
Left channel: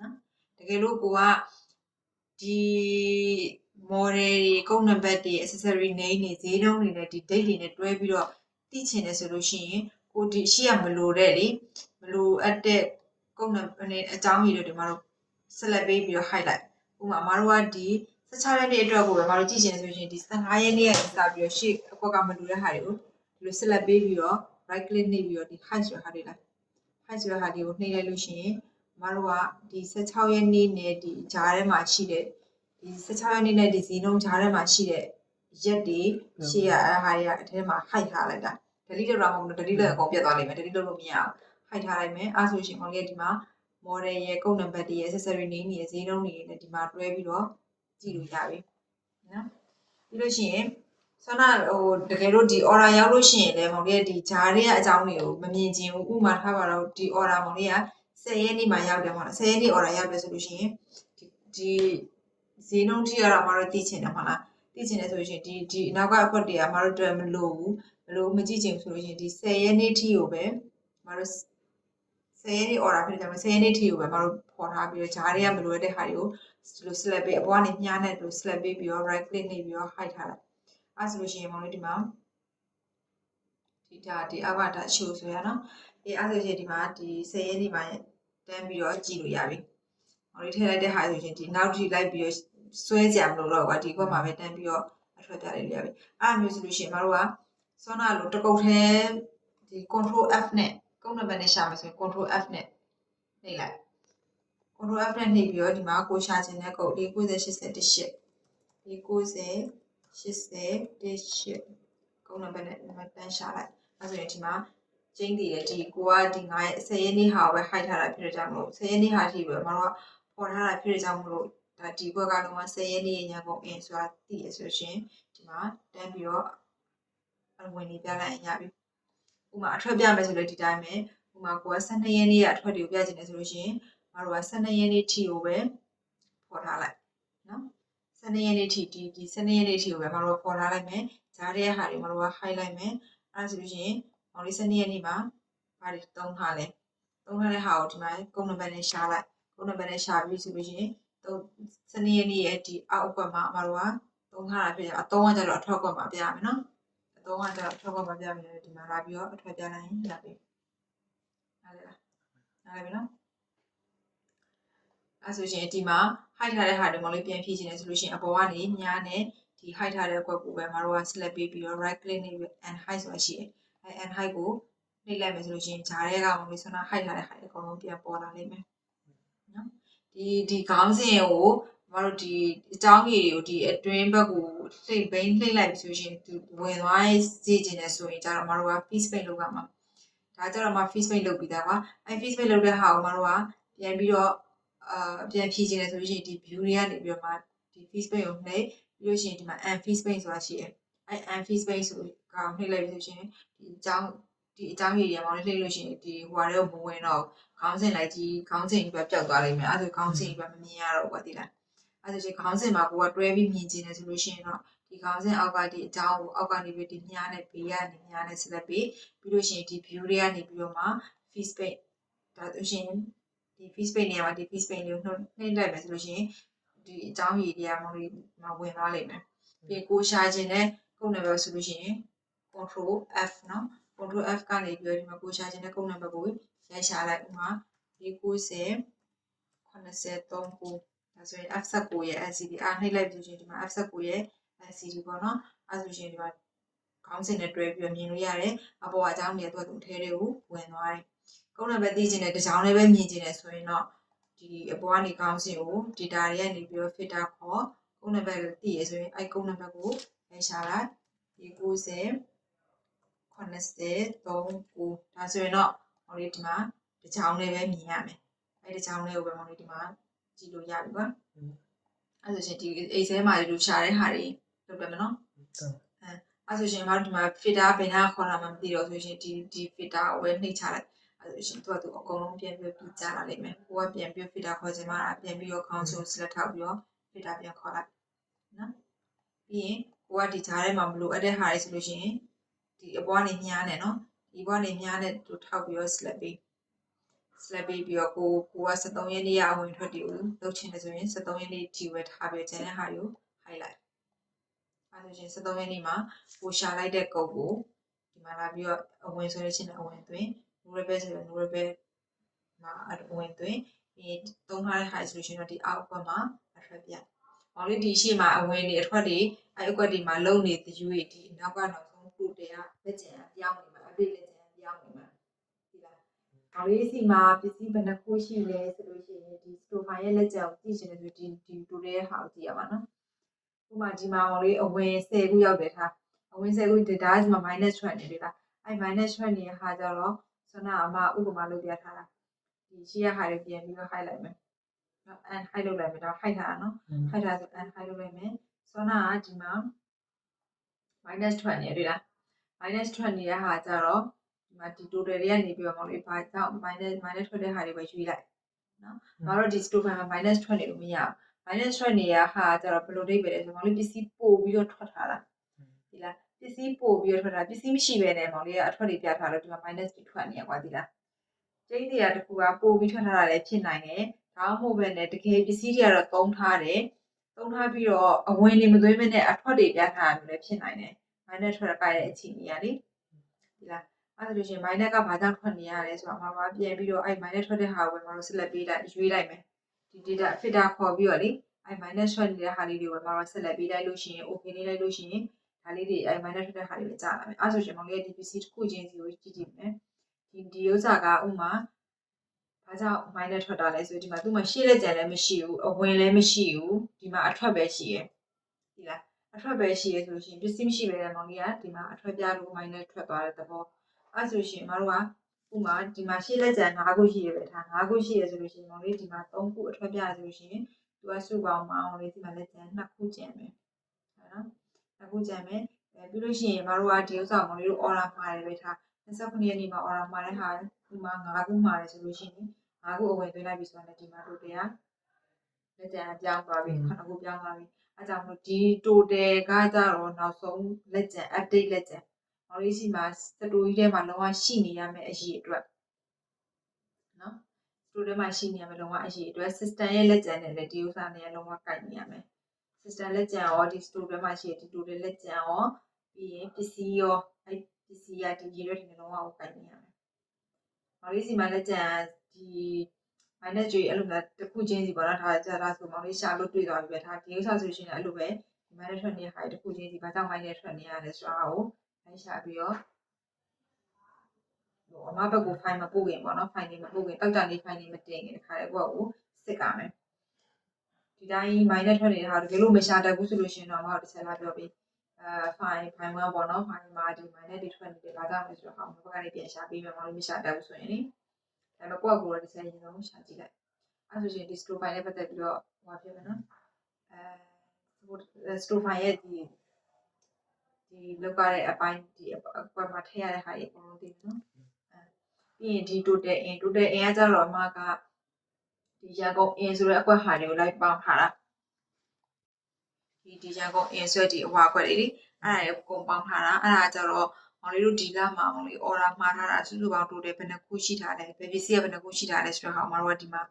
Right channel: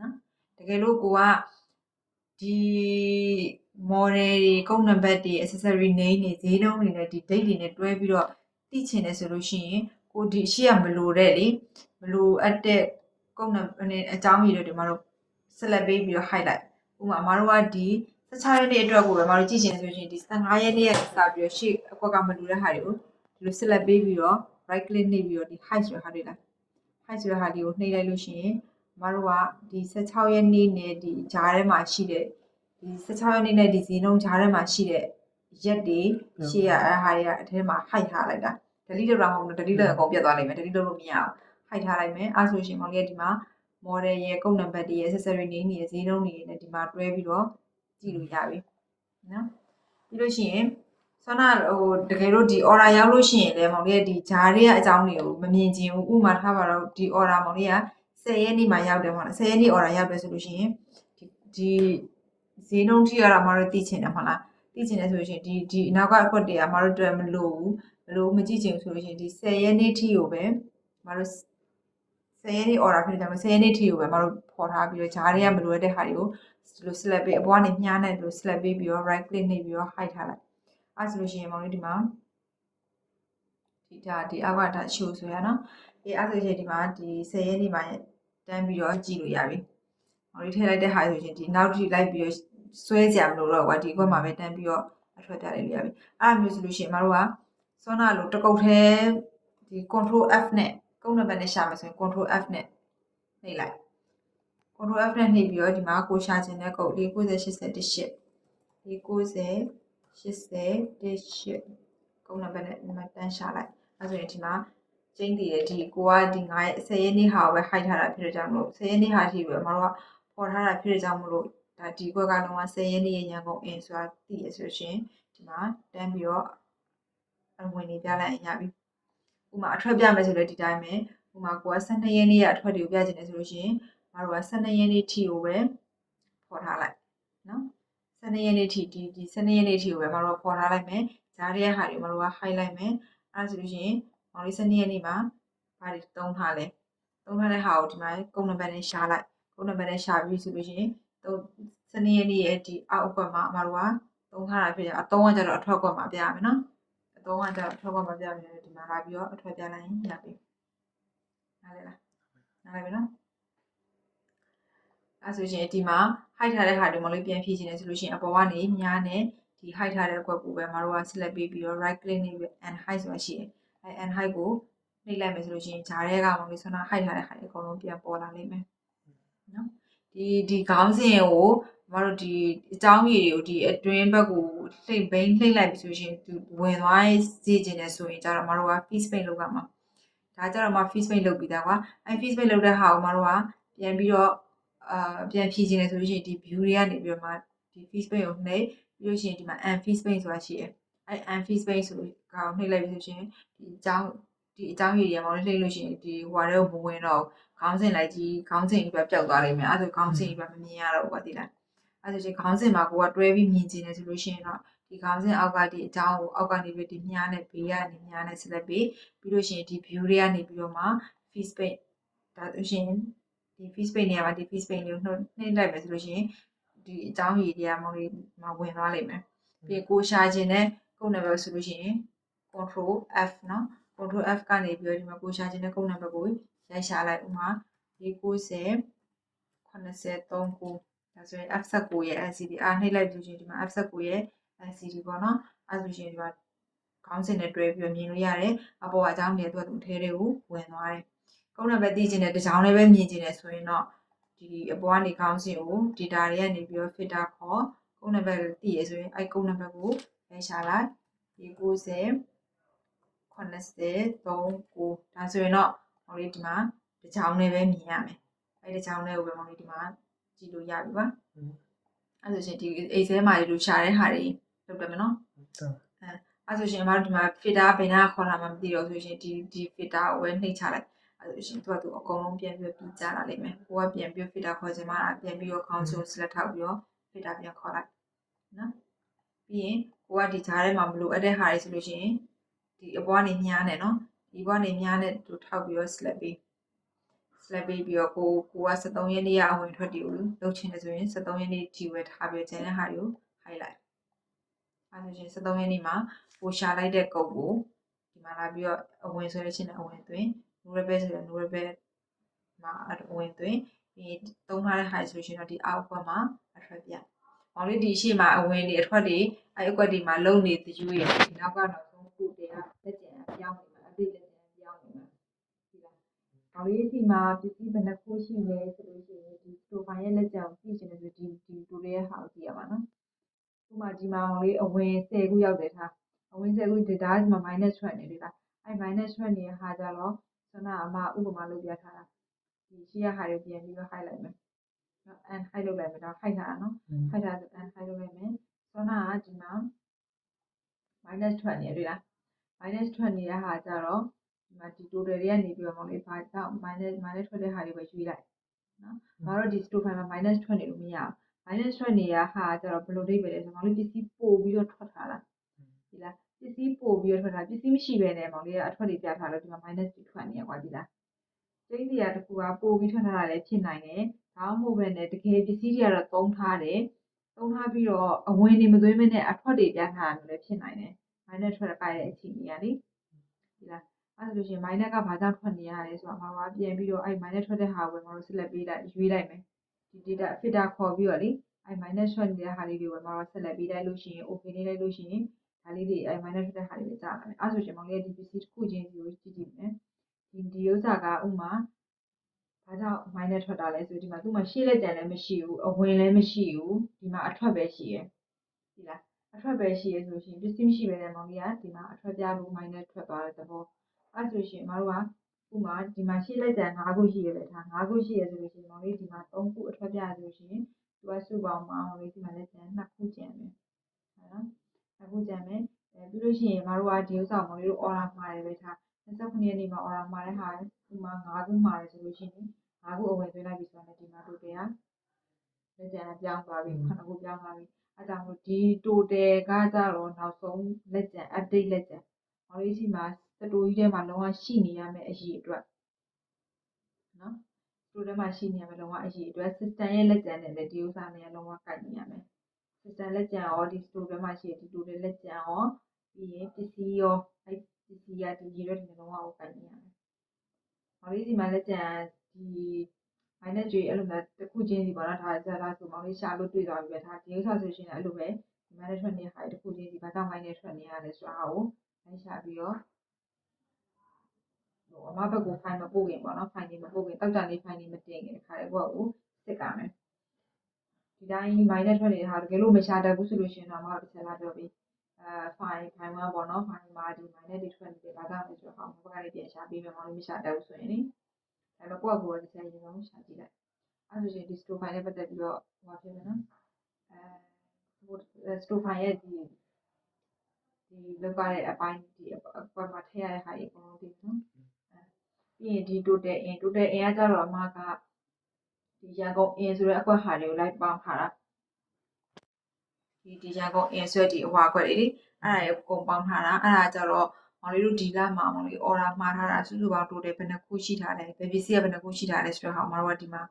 နော်တကယ်လို့ကိုကဒီ model တွေကုတ်နံပါတ်တွေ accessory name တွေဈေးနှုန်းတွေနဲ့ဒီ date တွေနဲ့တွဲပြီးတော့သိချင်တယ်ဆိုလို့ရှိရင်ကိုဒီအရှိကမလိုတဲ့လေမလိုအပ်တဲ့ကုတ်နံပါတ်နဲ့အကြောင်းရည်တွေဒီမှာတို့ select ပေးပြီးတော့ highlight ဥပမာအမတို့ကဒီ16ရက်နေ့အတွက်ကိုပဲအမတို့ကြည့်ချင်တယ်ဆိုရင်ဒီ15ရက်နေ့ကစပြီးတော့ရှေ့အကွက်ကမလိုတဲ့ဟာတွေကိုဒီလို select ပေးပြီးတော့ right click နှိပ်ပြီးတော့ဒီ hide ဆိုတဲ့ဟာတွေလား hide ဆိုတဲ့ဟာတွေကိုနှိပ်လိုက်လို့ရှိရင်အမတို့ကဒီ16ရက်နေ့နဲ့ဒီဂျားထဲမှာရှိတဲ့ဒီ16ရက်နေ့နဲ့ဒီဈေးနှုန်းဂျားထဲမှာရှိတဲ့ရက်တွေရှေ့ရအဲ့ဟာတွေကအထဲမှာ hide ထားလိုက်တာ delete လုပ်တာမဟုတ်ဘူး delete လုပ်ရင်အကုန်ပြတ်သွားလိမ့်မယ် delete လုပ်လို့မရဘူး hide ထားလိုက်မယ်အဲ့ဆိုရှင်မောင်လေးကဒီမှာ model ရဲ့ကုတ်နံပါတ်တွေရဲ့ accessory name တွေရဲ့ဈေးနှုန်းတွေနဲ့ဒီမှာတွဲပြီးတော့ကြည့်လို့ရပြီနော်ပြီးလို့ရှိရင်ဆွမ်းနာတကယ်လို့ဒီ order ရောက်လို့ရှိရင်လည်းမောင်လေးကဒီဂျားတွေကအကြောင်းတွေကိုမမြင်ချင်ဘူးဥပမာထားပါတော့ဒီ order မောင်လေးက10ရက်နေ့မှာရောက်တယ်ပေါ့နော်10ရက်နေ့ order ရောက်တယ်ဆိုလို့ရှိရင်ဒီဈေးနှုန်းထိကတော့မတို့သိချင်တယ်မဟုတ်လားသိချင်တယ်ဆိုလို့ရှိရင်ဒီအနောက်ကအခွက်တွေကမတို့တွေ့မလို့မကြည့်ချင်ဆိုလို့ရှိရင်ဒီ10ရက်နေ့ထိကိုပဲမတို့10ရက်နေ့ order ဖြစ်တယ်ဆိုတော့10ရက်နေ့ထိကိုပဲမတို့ခေါ်ထားပြီးတော့ဂျားတွေကမလိုတဲ့ဟာတွေကိုဒီလို select ပေးအပေါ်ကနေမြားနဲ့ဒီလို select ပေးပြီးတော့ right click နှိပ်ပြီးတော့ hide ထားလိုက်အဲဆိုလို့ရှိရင်မောင်လေးဒီမှာဒီအောက်ကဒါ show ဆိုရနော်အဲဆိုရင်ဒီမှာဒီ10ရက်နေ့မှာတန်းပြီးတော့ကြည့်လို့ရပြီမောင်လေးထည့်လိုက်တဲ့ဟာဆိုရင်ဒီနောက်ထိလိုက်ပြီးတော့ ဆွဲကြမလို့တော့ကွာဒီခွက်မှာပဲတန်းပြီးတော့အထွက်ပြလိုက်လို့ရပြီအဲ့လိုမျိုးဆိုလို့ရှိရင်မတို့ကစောနာလို့တစ်ကုတ်ထဲဒီ control F နဲ့ကုန်းနံပါတ်နဲ့ရှာမယ်ဆိုရင် control F နဲ့နှိပ်လိုက် control F နဲ့နှိပ်ပြီးတော့ဒီမှာကိုရှာခြင်းတဲ့ကုတ်490 88 490 88ကုန်းနံပါတ်နဲ့ဒီမှာတန်းရှာလိုက်အဲ့ဆိုရင်ဒီမှာကျင်းတည်တယ်ဒီကိုကဒီ9ရက်10ရက်နေ့ဟာကိုပဲ hide ထားတာဖြစ်ကြမလို့10ရက်နေ့ဟာအထိပဲမတို့ကပေါ်ထားတာဖြစ်ကြမလို့ဒါဒီဘက်ကတော့10ရက်နေ့ညကုန်အင်းဆိုတာသိရဆိုရှင်ဒီမှာတန်းပြီးတော့အဝင်နေပြလိုက်ရပြီဥမာအထွက်ပြမယ်ဆိုလို့ဒီတိုင်းပဲဥမာကိုက12ရက်နေ့ကအထွက်တွေကိုပြချင်တယ်ဆိုလို့ရှိရင်မတို့က12ရက်နေ့ထိကိုပဲပေါ်ထားလိုက်နော်12ရက်နေ့ထိဒီ12ရက်နေ့ထိကိုပဲမတို့ပေါ်ထားလိုက်မယ်ဂျားရဲ့ဟာတွေမတို့က hide လိုက်မယ်အဲ့ဒါဆိုလို့ရှိရင်မောင်လေး12ရက်နေ့မှာဘာတွေတုံးထားလဲတုံးထားတဲ့ဟာကိုဒီမှာကုန်းနံပါတ်နဲ့ရှာလိုက်ကုန်းနံပါတ်နဲ့ရှာပြီးဆိုလို့ရှိရင်12ရက်နေ့ရဲ့ဒီအောက်ကွက်မှာမတို့ကတုံးထားတာဖြစ်ကြအသုံးကကြတော့အထွက်ကွက်မှာပြရမယ်နော်အသုံးကကြတော့အထွက်ကွက်မှာပြရမယ်ဒီမှာလာပြီးတော့အထွက်ပြလိုက်ရင်ရပြီနားလည်လားနားလည်ပြီနော်အဲ့ဆိုရှင်ဒီမှာ hide ထားတဲ့ဟာတွေမလို့ပြန်ဖြည့်ချင်တယ်ဆိုလို့ရှိရင်အပေါ်ကနေညားနဲ့ဒီ hide ထားတဲ့ကွက်ကိုပဲမတို့က select ပေးပြီးတော့ right click နဲ့ and hide ဆိုတာရှိတယ်အဲ and hide ကိုနှိပ်လိုက်မယ်ဆိုလို့ရှိရင်ဂျားထဲကမလို့ဆန္ဒ hide ထားတဲ့ဟာတွေအကုန်လုံးပြန်ပေါ်လာလိမ့်မယ်နော်ဒီခေါင်းစဉ်ကိုမတို့ဒီအကြောင်းကြီးတွေကိုဒီအတွင်းဘက်ကိုလှိမ့်လိုက်ပြီးဆိုရှင်သူဝင်သွားစေချင်တယ်ဆိုရင်ကျတော့မတို့က face paint လုပ်ရမှာဒါကြတော့မှ face paint လုပ်ပြီးသားကွာအဲ face paint လုပ်တဲ့ဟာကိုမတို့ကပြန်ပြီးတော့ပြန်ဖြည့်ချင်တယ်ဆိုလို့ရှိရင်ဒီ view တွေကနေပြီးတော့မှဒီ face paint ကိုနှိပ်ပြီးလို့ရှိရင်ဒီမှာ and face paint ဆိုတာရှိတယ်အဲ and face paint ဆိုလို့ကောင်နှိပ်လိုက်ပြီးဆိုရှင်ဒီအကြောင်းကြီးတွေမောင်လေးနှိပ်လို့ရှိရင်ဒီဟွာတွေကိုမဝင်တော့ခေါင်းစဉ်လိုက်ကြီးခေါင်းစဉ်ကြီးပဲပျောက်သွားလိမ့်မယ်အဲ့ဒါခေါင်းစဉ်ကြီးပဲမမြင်ရတော့ဘူးကွာဒီလားအဲ့ဒါဆိုရင်ခေါင်းစဉ်မှာကိုကတွဲပြီးမြင်ချင်တယ်ဆိုလို့ရှိရင်တော့ဒီခေါင်းစဉ်အောက်ကဒီအကြောင်းကိုအောက်ကနေပြီးဒီမြားနဲ့ဘေးကနေမြားနဲ့ select ပြီးလို့ရှိရင်ဒီ view တွေကနေပြီးတော့မှ face paint ဒါဆိုရှင်ဒီ face paint နေရာမှာဒီ face paint ကိုနှိပ်လိုက်မယ်ဆိုလို့ရှိရင်ဒီအကြောင်းကြီးတွေကမဝင်သွားလိမ့်မယ်ပြီးကိုရှာခြင်းနဲ့ကုန်းနံပါတ်ဆိုလို့ရှိရင် control F နော် control F ကနေပြီးတော့ဒီမှာကိုရှာခြင်းနဲ့ကုန်းနံပါတ်ကိုရိုက်ရှာလိုက်ဥမာ490 83ဒါဆိုရင် F19 ရဲ့ LCD နှိပ်လိုက်ပြီးဆိုရင်ဒီမှာ F19 ရဲ့ LCD ပေါ့နော်အဲ့ဆိုရင်ဒီမှာခေါင်းစဉ်နဲ့တွဲပြီးမြင်လို့ရတယ်အပေါ်အကြောင်းတွေသူ့ထဲတွေကိုဝင်သွားတယ်ကုန်းနံပါတ်သိချင်တဲ့တစ်ကြောင်းလေးပဲမြင်ချင်တယ်ဆိုရင်တော့ဒီအပေါ်ကနေခေါင်းစဉ်ကို data တွေကနေပြီးတော့ filter ခေါ်ကုန်းနံပါတ်ကိုသိရဆိုရင်အဲ့ကုန်းနံပါတ်ကိုရိုက်ရှာလိုက်490 83ဒါဆိုရင်တော့ဟိုလေးဒီမှာတစ်ကြောင်းလေးပဲမြင်ရမယ်အဲ့တစ်ကြောင်းလေးကိုပဲမောင်လေးဒီမှာကြည့်လို့ရပြီကွာအဲ့ဆိုရှင်ဒီ Excel မှာလူရှာတဲ့ဟာတွေလုပ်ပြမယ်နော်အဲ့ဆိုရှင်မတို့ဒီမှာ filter ဘယ်နာခေါ်လာမှမသိတော့ဆိုရှင်ဒီ filter ကိုပဲနှိပ်ချလိုက်အဲ့ဆိုရှင်သူအကုန်လုံးပြန်ပြီးကြလာလိမ့်မယ်ကိုကပြန်ပြီး filter ခေါ်ချင်မှပြန်ပြီးတော့ခေါင်းစုံ select ထောက်ပြီးတော့ filter ပြန်ခေါ်လိုက်နော်ပြီးရင်ကိုကဒီဂျားထဲမှာမလို့အဲ့တဲ့ဟာတွေဆိုလို့ရှိရင်ဒီအပေါ်ကနေမြားနေနော်ဒီဘောကနေမြားနဲ့သူထောက်ပြီးတော့ select ပေးပြီးတော့ကိုက73ရက်နေ့ရအဝင်ထွက်တွေကိုလုပ်ချင်တယ်ဆိုရင်73ရက်နေ့ဒီဝယ်ထားပြီးကျန်တဲ့ဟာတွေကို highlight အဲ့ဒါချင်း73ရက်နေ့မှာပိုရှာလိုက်တဲ့ကုတ်ကိုဒီမှာလာပြီးတော့အဝင်ဆိုတဲ့ချင်းနဲ့အဝင်သွင်း no rebel ဆိုတော့ no rebel မှာအဝင်သွင်းပြီးသုံးထားတဲ့ဟာဆိုလို့ရှိရင်တော့ဒီအောက်ဘက်မှာအထွက်ပြ။မောင်လေးဒီရှေ့မှာအဝင်တွေအထွက်တွေအဲ့အကွက်တွေမှာလုံနေသူရဲ့ဒီနောက်ကနောက်ဆုံးခုတည်းကလက်ကျန်ပြောင်းနေမှာအပြည့်လက်ကျန်ပြောင်းနေမှာဒီလား။မောင်လေးစီမှာပစ္စည်းဘယ်နှခုရှိလဲဆိုလို့ရှိရင်ဒီ sofa ရဲ့လက်ကျန်ကိုကြည့်ချင်တယ်ဆိုဒီတိုတဲ့ဟာကိုကြည့်ရပါနော်။ဥပမာဒီမှာမောင်လေးအဝင်10ခုရောက်တယ်ထား။အဝင်10ခု data ဒီမှာ minus ထွက်နေပြီလား။အဲ့ minus ထွက်နေတဲ့ဟာကြတော့ဆွမ်းနာအမဥပမာလုပ်ပြထားတာ။ဒီရှေ့ရဟာတွေပြန်ပြီးတော့ hide လိုက်မယ်။ and hide လုပ်လိုက်မယ်ဒါ hide ထားတာနော် hide ထားဆို and hide လုပ်လိုက်မယ်ဆွမ်းနာကဒီမှာ minus ထွက်နေတွေ့လား minus ထွက်နေတဲ့ဟာကြတော့ဒီမှာဒီ total တွေကနေပြီးတော့မောင်လေးဘာကြောင့် minus ထွက်တဲ့ဟာတွေပဲရွေးလိုက်နော်။ဘာလို့ဒီ stopper မှာ minus ထွက်နေလို့မရဘူး။ minus ထွက်နေတဲ့ဟာကြတော့ဘယ်လိုဒိတ်ပဲလဲဆိုမောင်လေးပစ္စည်းပို့ပြီးတော့ထွက်ထားတာဒီလားပစ္စည်းပို့ပြီးတော့ထွက်တာပစ္စည်းမရှိဘဲနဲ့မောင်လေးကအထွက်တွေပြထားလို့ဒီမှာ minus ထွက်နေရကွာဒီလားကျင်းတွေကတခုကပို့ပြီးထွက်ထားတာလည်းဖြစ်နိုင်တယ်ဒါမှမဟုတ်ပဲနဲ့တကယ်ပစ္စည်းတွေကတော့သုံးထားတယ်သုံးထားပြီးတော့အဝင်တွေမသွင်းမနဲ့အထွက်တွေပြထားတာလည်းဖြစ်နိုင်တယ် minus ထွက်ကြတဲ့အခြေအနေကလေဒီလားအဲ့ဒါလို့ရှိရင် minus ကဘာကြောင့်ထွက်နေရလဲဆိုတော့မှာပြန်ပြီးတော့အဲ့ minus ထွက်တဲ့ဟာကိုပဲမတို့ select ပေးလိုက်ရွေးလိုက်မယ်ဒီ data filter ခေါ်ပြီးတော့လေ အဲ့ minus ထွက်နေတဲ့ဟာလေးတွေကိုမှာဆက်လက်ပေးလိုက်လို့ရှိရင် okay လေးလိုက်လို့ရှိရင်ဒါလေးတွေအဲ့ minus ထွက်တဲ့ဟာတွေကြာလာမယ်အဲ့ဆိုရှင်မောင်လေးဒီ PC တစ်ခုချင်းစီကိုကြည့်ကြည့်မယ်ဒီဥစ္စာကဥမာဘာကြောင့် minus ထွက်တာလဲဆိုဒီမှာသူ့မှာရှေ့လက်ကြံလည်းမရှိဘူးအဝင်လည်းမရှိဘူးဒီမှာအထွက်ပဲရှိရယ်ဒီလားအထွက်ပဲရှိရယ်ဆိုလို့ရှိရင်ပစ္စည်းမရှိပဲတဲ့မောင်လေးကဒီမှာအထွက်ပြလို့ minus ထွက်သွားတဲ့သဘောအဲ့ဆိုရှင်မတို့ကဥမာဒီမှာရှေ့လက်ကြံ5ခုရှိရပဲထား5ခုရှိရဆိုလို့ရှိရင်မောင်လေးဒီမှာ3ခုအထွက်ပြဆိုလို့ရှိရင်သူကစုပေါင်းမောင်လေးဒီမှာလက်ကြံ2ခုကျန်မယ်ဟုတ်နော်2ခုကျန်မယ်ပြီးလို့ရှိရင်မတို့ကဒီဥစ္စာမောင်လေးတို့ order မှာတယ်ပဲထား29ရက်နေ့မှာ order မှာတဲ့ဟာဒီမှာ5ခုမှာတယ်ဆိုလို့ရှိရင်5ခုအဝင်သွင်းလိုက်ပြီဆိုတော့ဒီမှာ total ကလက်ကြံပြောင်းသွားပြီ9ခုပြောင်းသွားပြီအဲကြောင့်မို့ဒီ total ကကြတော့နောက်ဆုံးလက်ကြံ update လက်ကြံမောင်လေးစီမှာစတိုကြီးထဲမှာလုံးဝရှိနေရမယ့်အရေးအတွက်နော်စတိုထဲမှာရှိနေရမယ့်လုံးဝအရေးအတွက် system ရဲ့လက်ကြံနဲ့လည်းဒီဥစ္စာနဲ့လုံးဝကိုက်နေရမယ် system လက်ကြံရောဒီ store ထဲမှာရှိတဲ့ဒီ total လက်ကြံရောပြီးရင်ပစ္စည်းရောအဲပစ္စည်းရဒီရေရွက်တွေလုံးဝကိုက်နေရမယ်မောင်လေးစီမှာလက်ကြံဒီ minus တွေအဲ့လိုမျိုးတစ်ခုချင်းစီပေါ့နော်ဒါကြလားဆိုမောင်လေးရှာလို့တွေ့သွားပြီပဲဒါဒီဥစ္စာဆိုရှင်လည်းအဲ့လိုပဲဒီ minus ထွက်နေတဲ့ဟာတစ်ခုချင်းစီဘာကြောင့် minus ထွက်နေရလဲဆိုတာကိုလိုက်ရှာပြီးတော့အမဘက်ကို file မပို့ခင်ပေါ့နော် file လေးမပို့ခင်တောက်တာလေး file လေးမတင်ခင်တခါလေကိုယ့်ကိုစစ်ကြမယ်ဒီတိုင်း minus ထွက်နေတဲ့ဟာတကယ်လို့မရှာတတ်ဘူးဆိုလို့ရှင်တော့အမတို့တစ်ချက်လာပြောပြီးfile 1ပေါ့နော် file မှာဒီ minus တွေထွက်နေတယ်ဘာကြောင့်လဲဆိုတော့ဟောဘက်ကနေပြန်ရှာပြီးမယ်မလို့မရှာတတ်ဘူးဆိုရင်လေဒါပေမဲ့ကိုယ့်ကိုယ်တော့တစ်ချက်ရင်ဆုံးရှာကြည့်လိုက်အဲ့ဆိုရှင်ဒီ store file နဲ့ပတ်သက်ပြီးတော့ဟောဖြစ်မယ်နော်store file ရဲ့ဒီလောက်ရတဲ့အပိုင်းဒီအကွက်မှာထည့်ရတဲ့ဟာတွေအကုန်လုံးသိတယ်နော်ပြီးရင်ဒီ total in ကကြတော့အမကဒီရန်ကုန် in ဆိုတဲ့အကွက်ဟာတွေကိုလိုက်ပေါင်းထားတာဒီရန်ကုန် in ဆိုတဲ့ဒီအဝါကွက်တွေလေအဲ့ဒါတွေအကုန်ပေါင်းထားတာအဲ့ဒါကြတော့မောင်လေးတို့ဒီလမှာမောင်လေး order မှားထားတာစုစုပေါင်း total ဘယ်နှခုရှိထားလဲဘယ်ပစ္စည်းကဘယ်နှခုရှိထားလဲဆိုတော့ဟာမောင်တို့ကဒီမှာ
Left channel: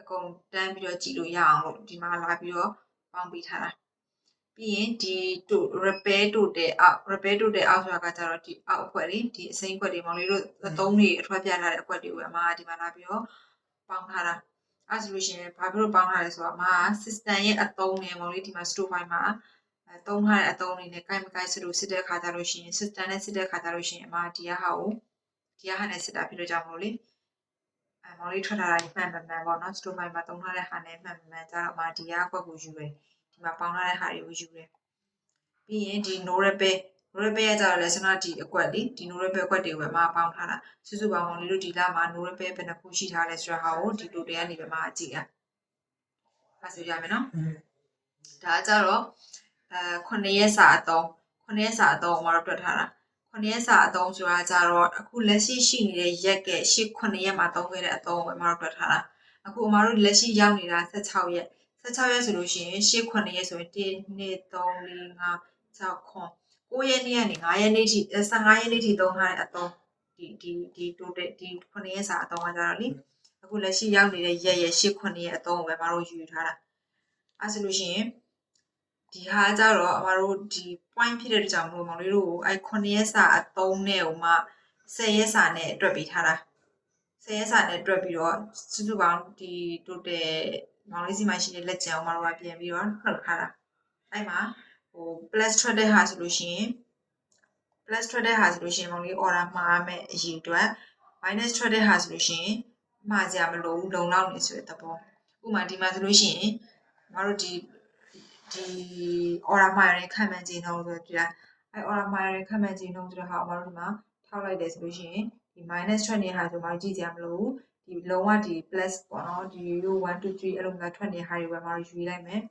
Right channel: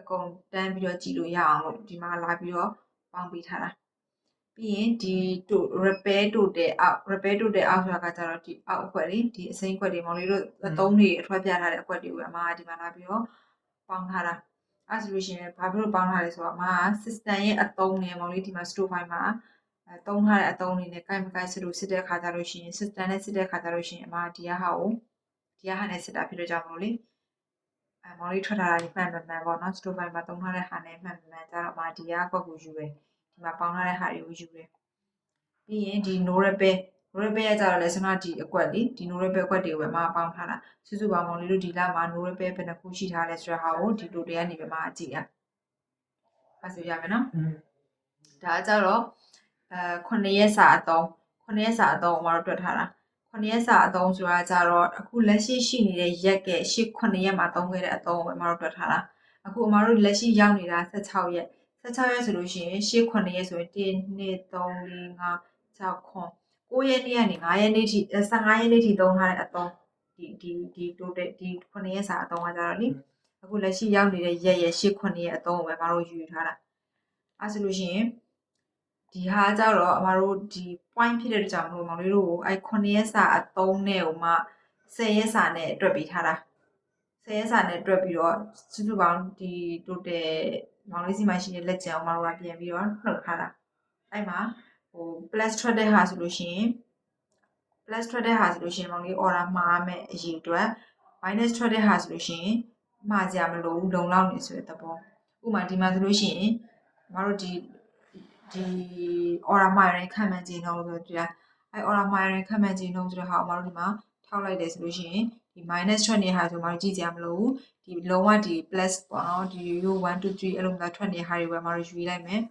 အကုန်တန်းပြီးတော့ကြည့်လို့ရအောင်လို့ဒီမှာလာပြီးတော့ပေါင်းပေးထားတာပြီးရင်ဒီ repair total out ဆိုတာကကြတော့ဒီအောက်အခွက်လေးဒီအစိမ်းခွက်တွေမောင်လေးတို့အသုံးတွေအထွက်ပြထားတဲ့အခွက်တွေကိုအမကဒီမှာလာပြီးတော့ပေါင်းထားတာအဲ့ဆိုလို့ရှိရင်ဘာဖြစ်လို့ပေါင်းထားလဲဆိုတော့အမက system ရဲ့အသုံးနဲ့မောင်လေးဒီမှာ store file မှာသုံးထားတဲ့အသုံးတွေနဲ့ကိုက်မကိုက်စစ်လို့စစ်တဲ့အခါကျလို့ရှိရင် system နဲ့စစ်တဲ့အခါကျလို့ရှိရင်အမဒီဟာနဲ့စစ်တာဖြစ်လို့ကြောင့်မလို့လေမောင်လေးထွက်ထားတာမှန်မှန်ပေါ့နော် store file မှာသုံးထားတဲ့ဟာနဲ့မှန်မှန်ကြတော့အမဒီဟာကွက်ကိုယူတယ်ဒီမှာပေါင်းထားတဲ့ဟာတွေကိုယူတယ်ပြီးရင်ဒီ no repair ရကြတော့လဲစမဒီအကွက်လေဒီ no repair ကွက်တွေကိုပဲမပေါင်းထားတာစုစုပေါင်းလေးတို့ဒီလမှာ no repair ဘယ်နှခုရှိထားလဲဆိုတော့ဟာကိုဒီလိုတွေကနေပဲမကြည့်ရအဲ့ဆိုရမယ်နော်ဒါကြတော့9ရက်စာအသုံးအမတို့တွက်ထားတာ9ရက်စာအသုံးဆိုတာကြတော့အခုလက်ရှိနေတဲ့ရက်က9ရက်မှာသုံးခဲ့တဲ့အသုံးကိုအမတို့တွက်ထားတာအခုအမတို့လက်ရှိရောက်နေတာ16ရက်ဆိုလို့ရှိရင်9ရက်ဆိုရင်1 2 3 4 5 6 9ရက်နေ့ကနေ9ရက်နေ့ထိ15ရက်နေ့ထိသုံးထားတဲ့အသုံးဒီ total ဒီ9ရက်စာအသုံးကကြတော့လေအခုလက်ရှိရောက်နေတဲ့ရက်9ရက်အသုံးကိုပဲမတို့ယူထားတာအဲဆိုလို့ရှိရင်ဒီဟာကြတော့အမတို့ဒီ point ဖြစ်တဲ့ကြောင့်မလို့မောင်လေးတို့အဲ9ရက်စာအသုံးနဲ့ဟိုမှ10ရက်စာနဲ့တွက်ပေးထားတာ10ရက်စာနဲ့တွက်ပြီးတော့စုစုပေါင်းဒီ total မောင်လေးစီမှာရှိတဲ့လက်ကျန်အမတို့ကပြန်ပြီးတော့နှုတ်ထားတာအဲ့မှာဟို plus ထွက်တဲ့ဟာဆိုလို့ရှိရင်မောင်လေး order မှာရမယ်အရေးအတွက် minus ထွက်တဲ့ဟာဆိုလို့ရှိရင်မှားကြမလို့လုံလောက်နေဆိုတဲ့သဘောဥပမာဒီမှာဆိုလို့ရှိရင်မတို့ဒီ order မှာရတဲ့ခံမှန်းခြင်းနှုန်းဆိုတော့ဒီအဲ order မှာရတဲ့ခံမှန်းခြင်းနှုန်းဆိုတော့ဟာအမတို့ဒီမှာထောက်လိုက်တယ်ဆိုလို့ရှိရင်ဒီ minus ထွက်နေတဲ့ဟာဆိုမတို့ကြည့်ကြမလို့ဒီလုံးဝဒီ plus ပေါ့နော်ဒီ 1 2 3အဲ့လိုမျိုးထွက်နေတဲ့ဟာတွေပဲမတို့ယူလိုက်မယ်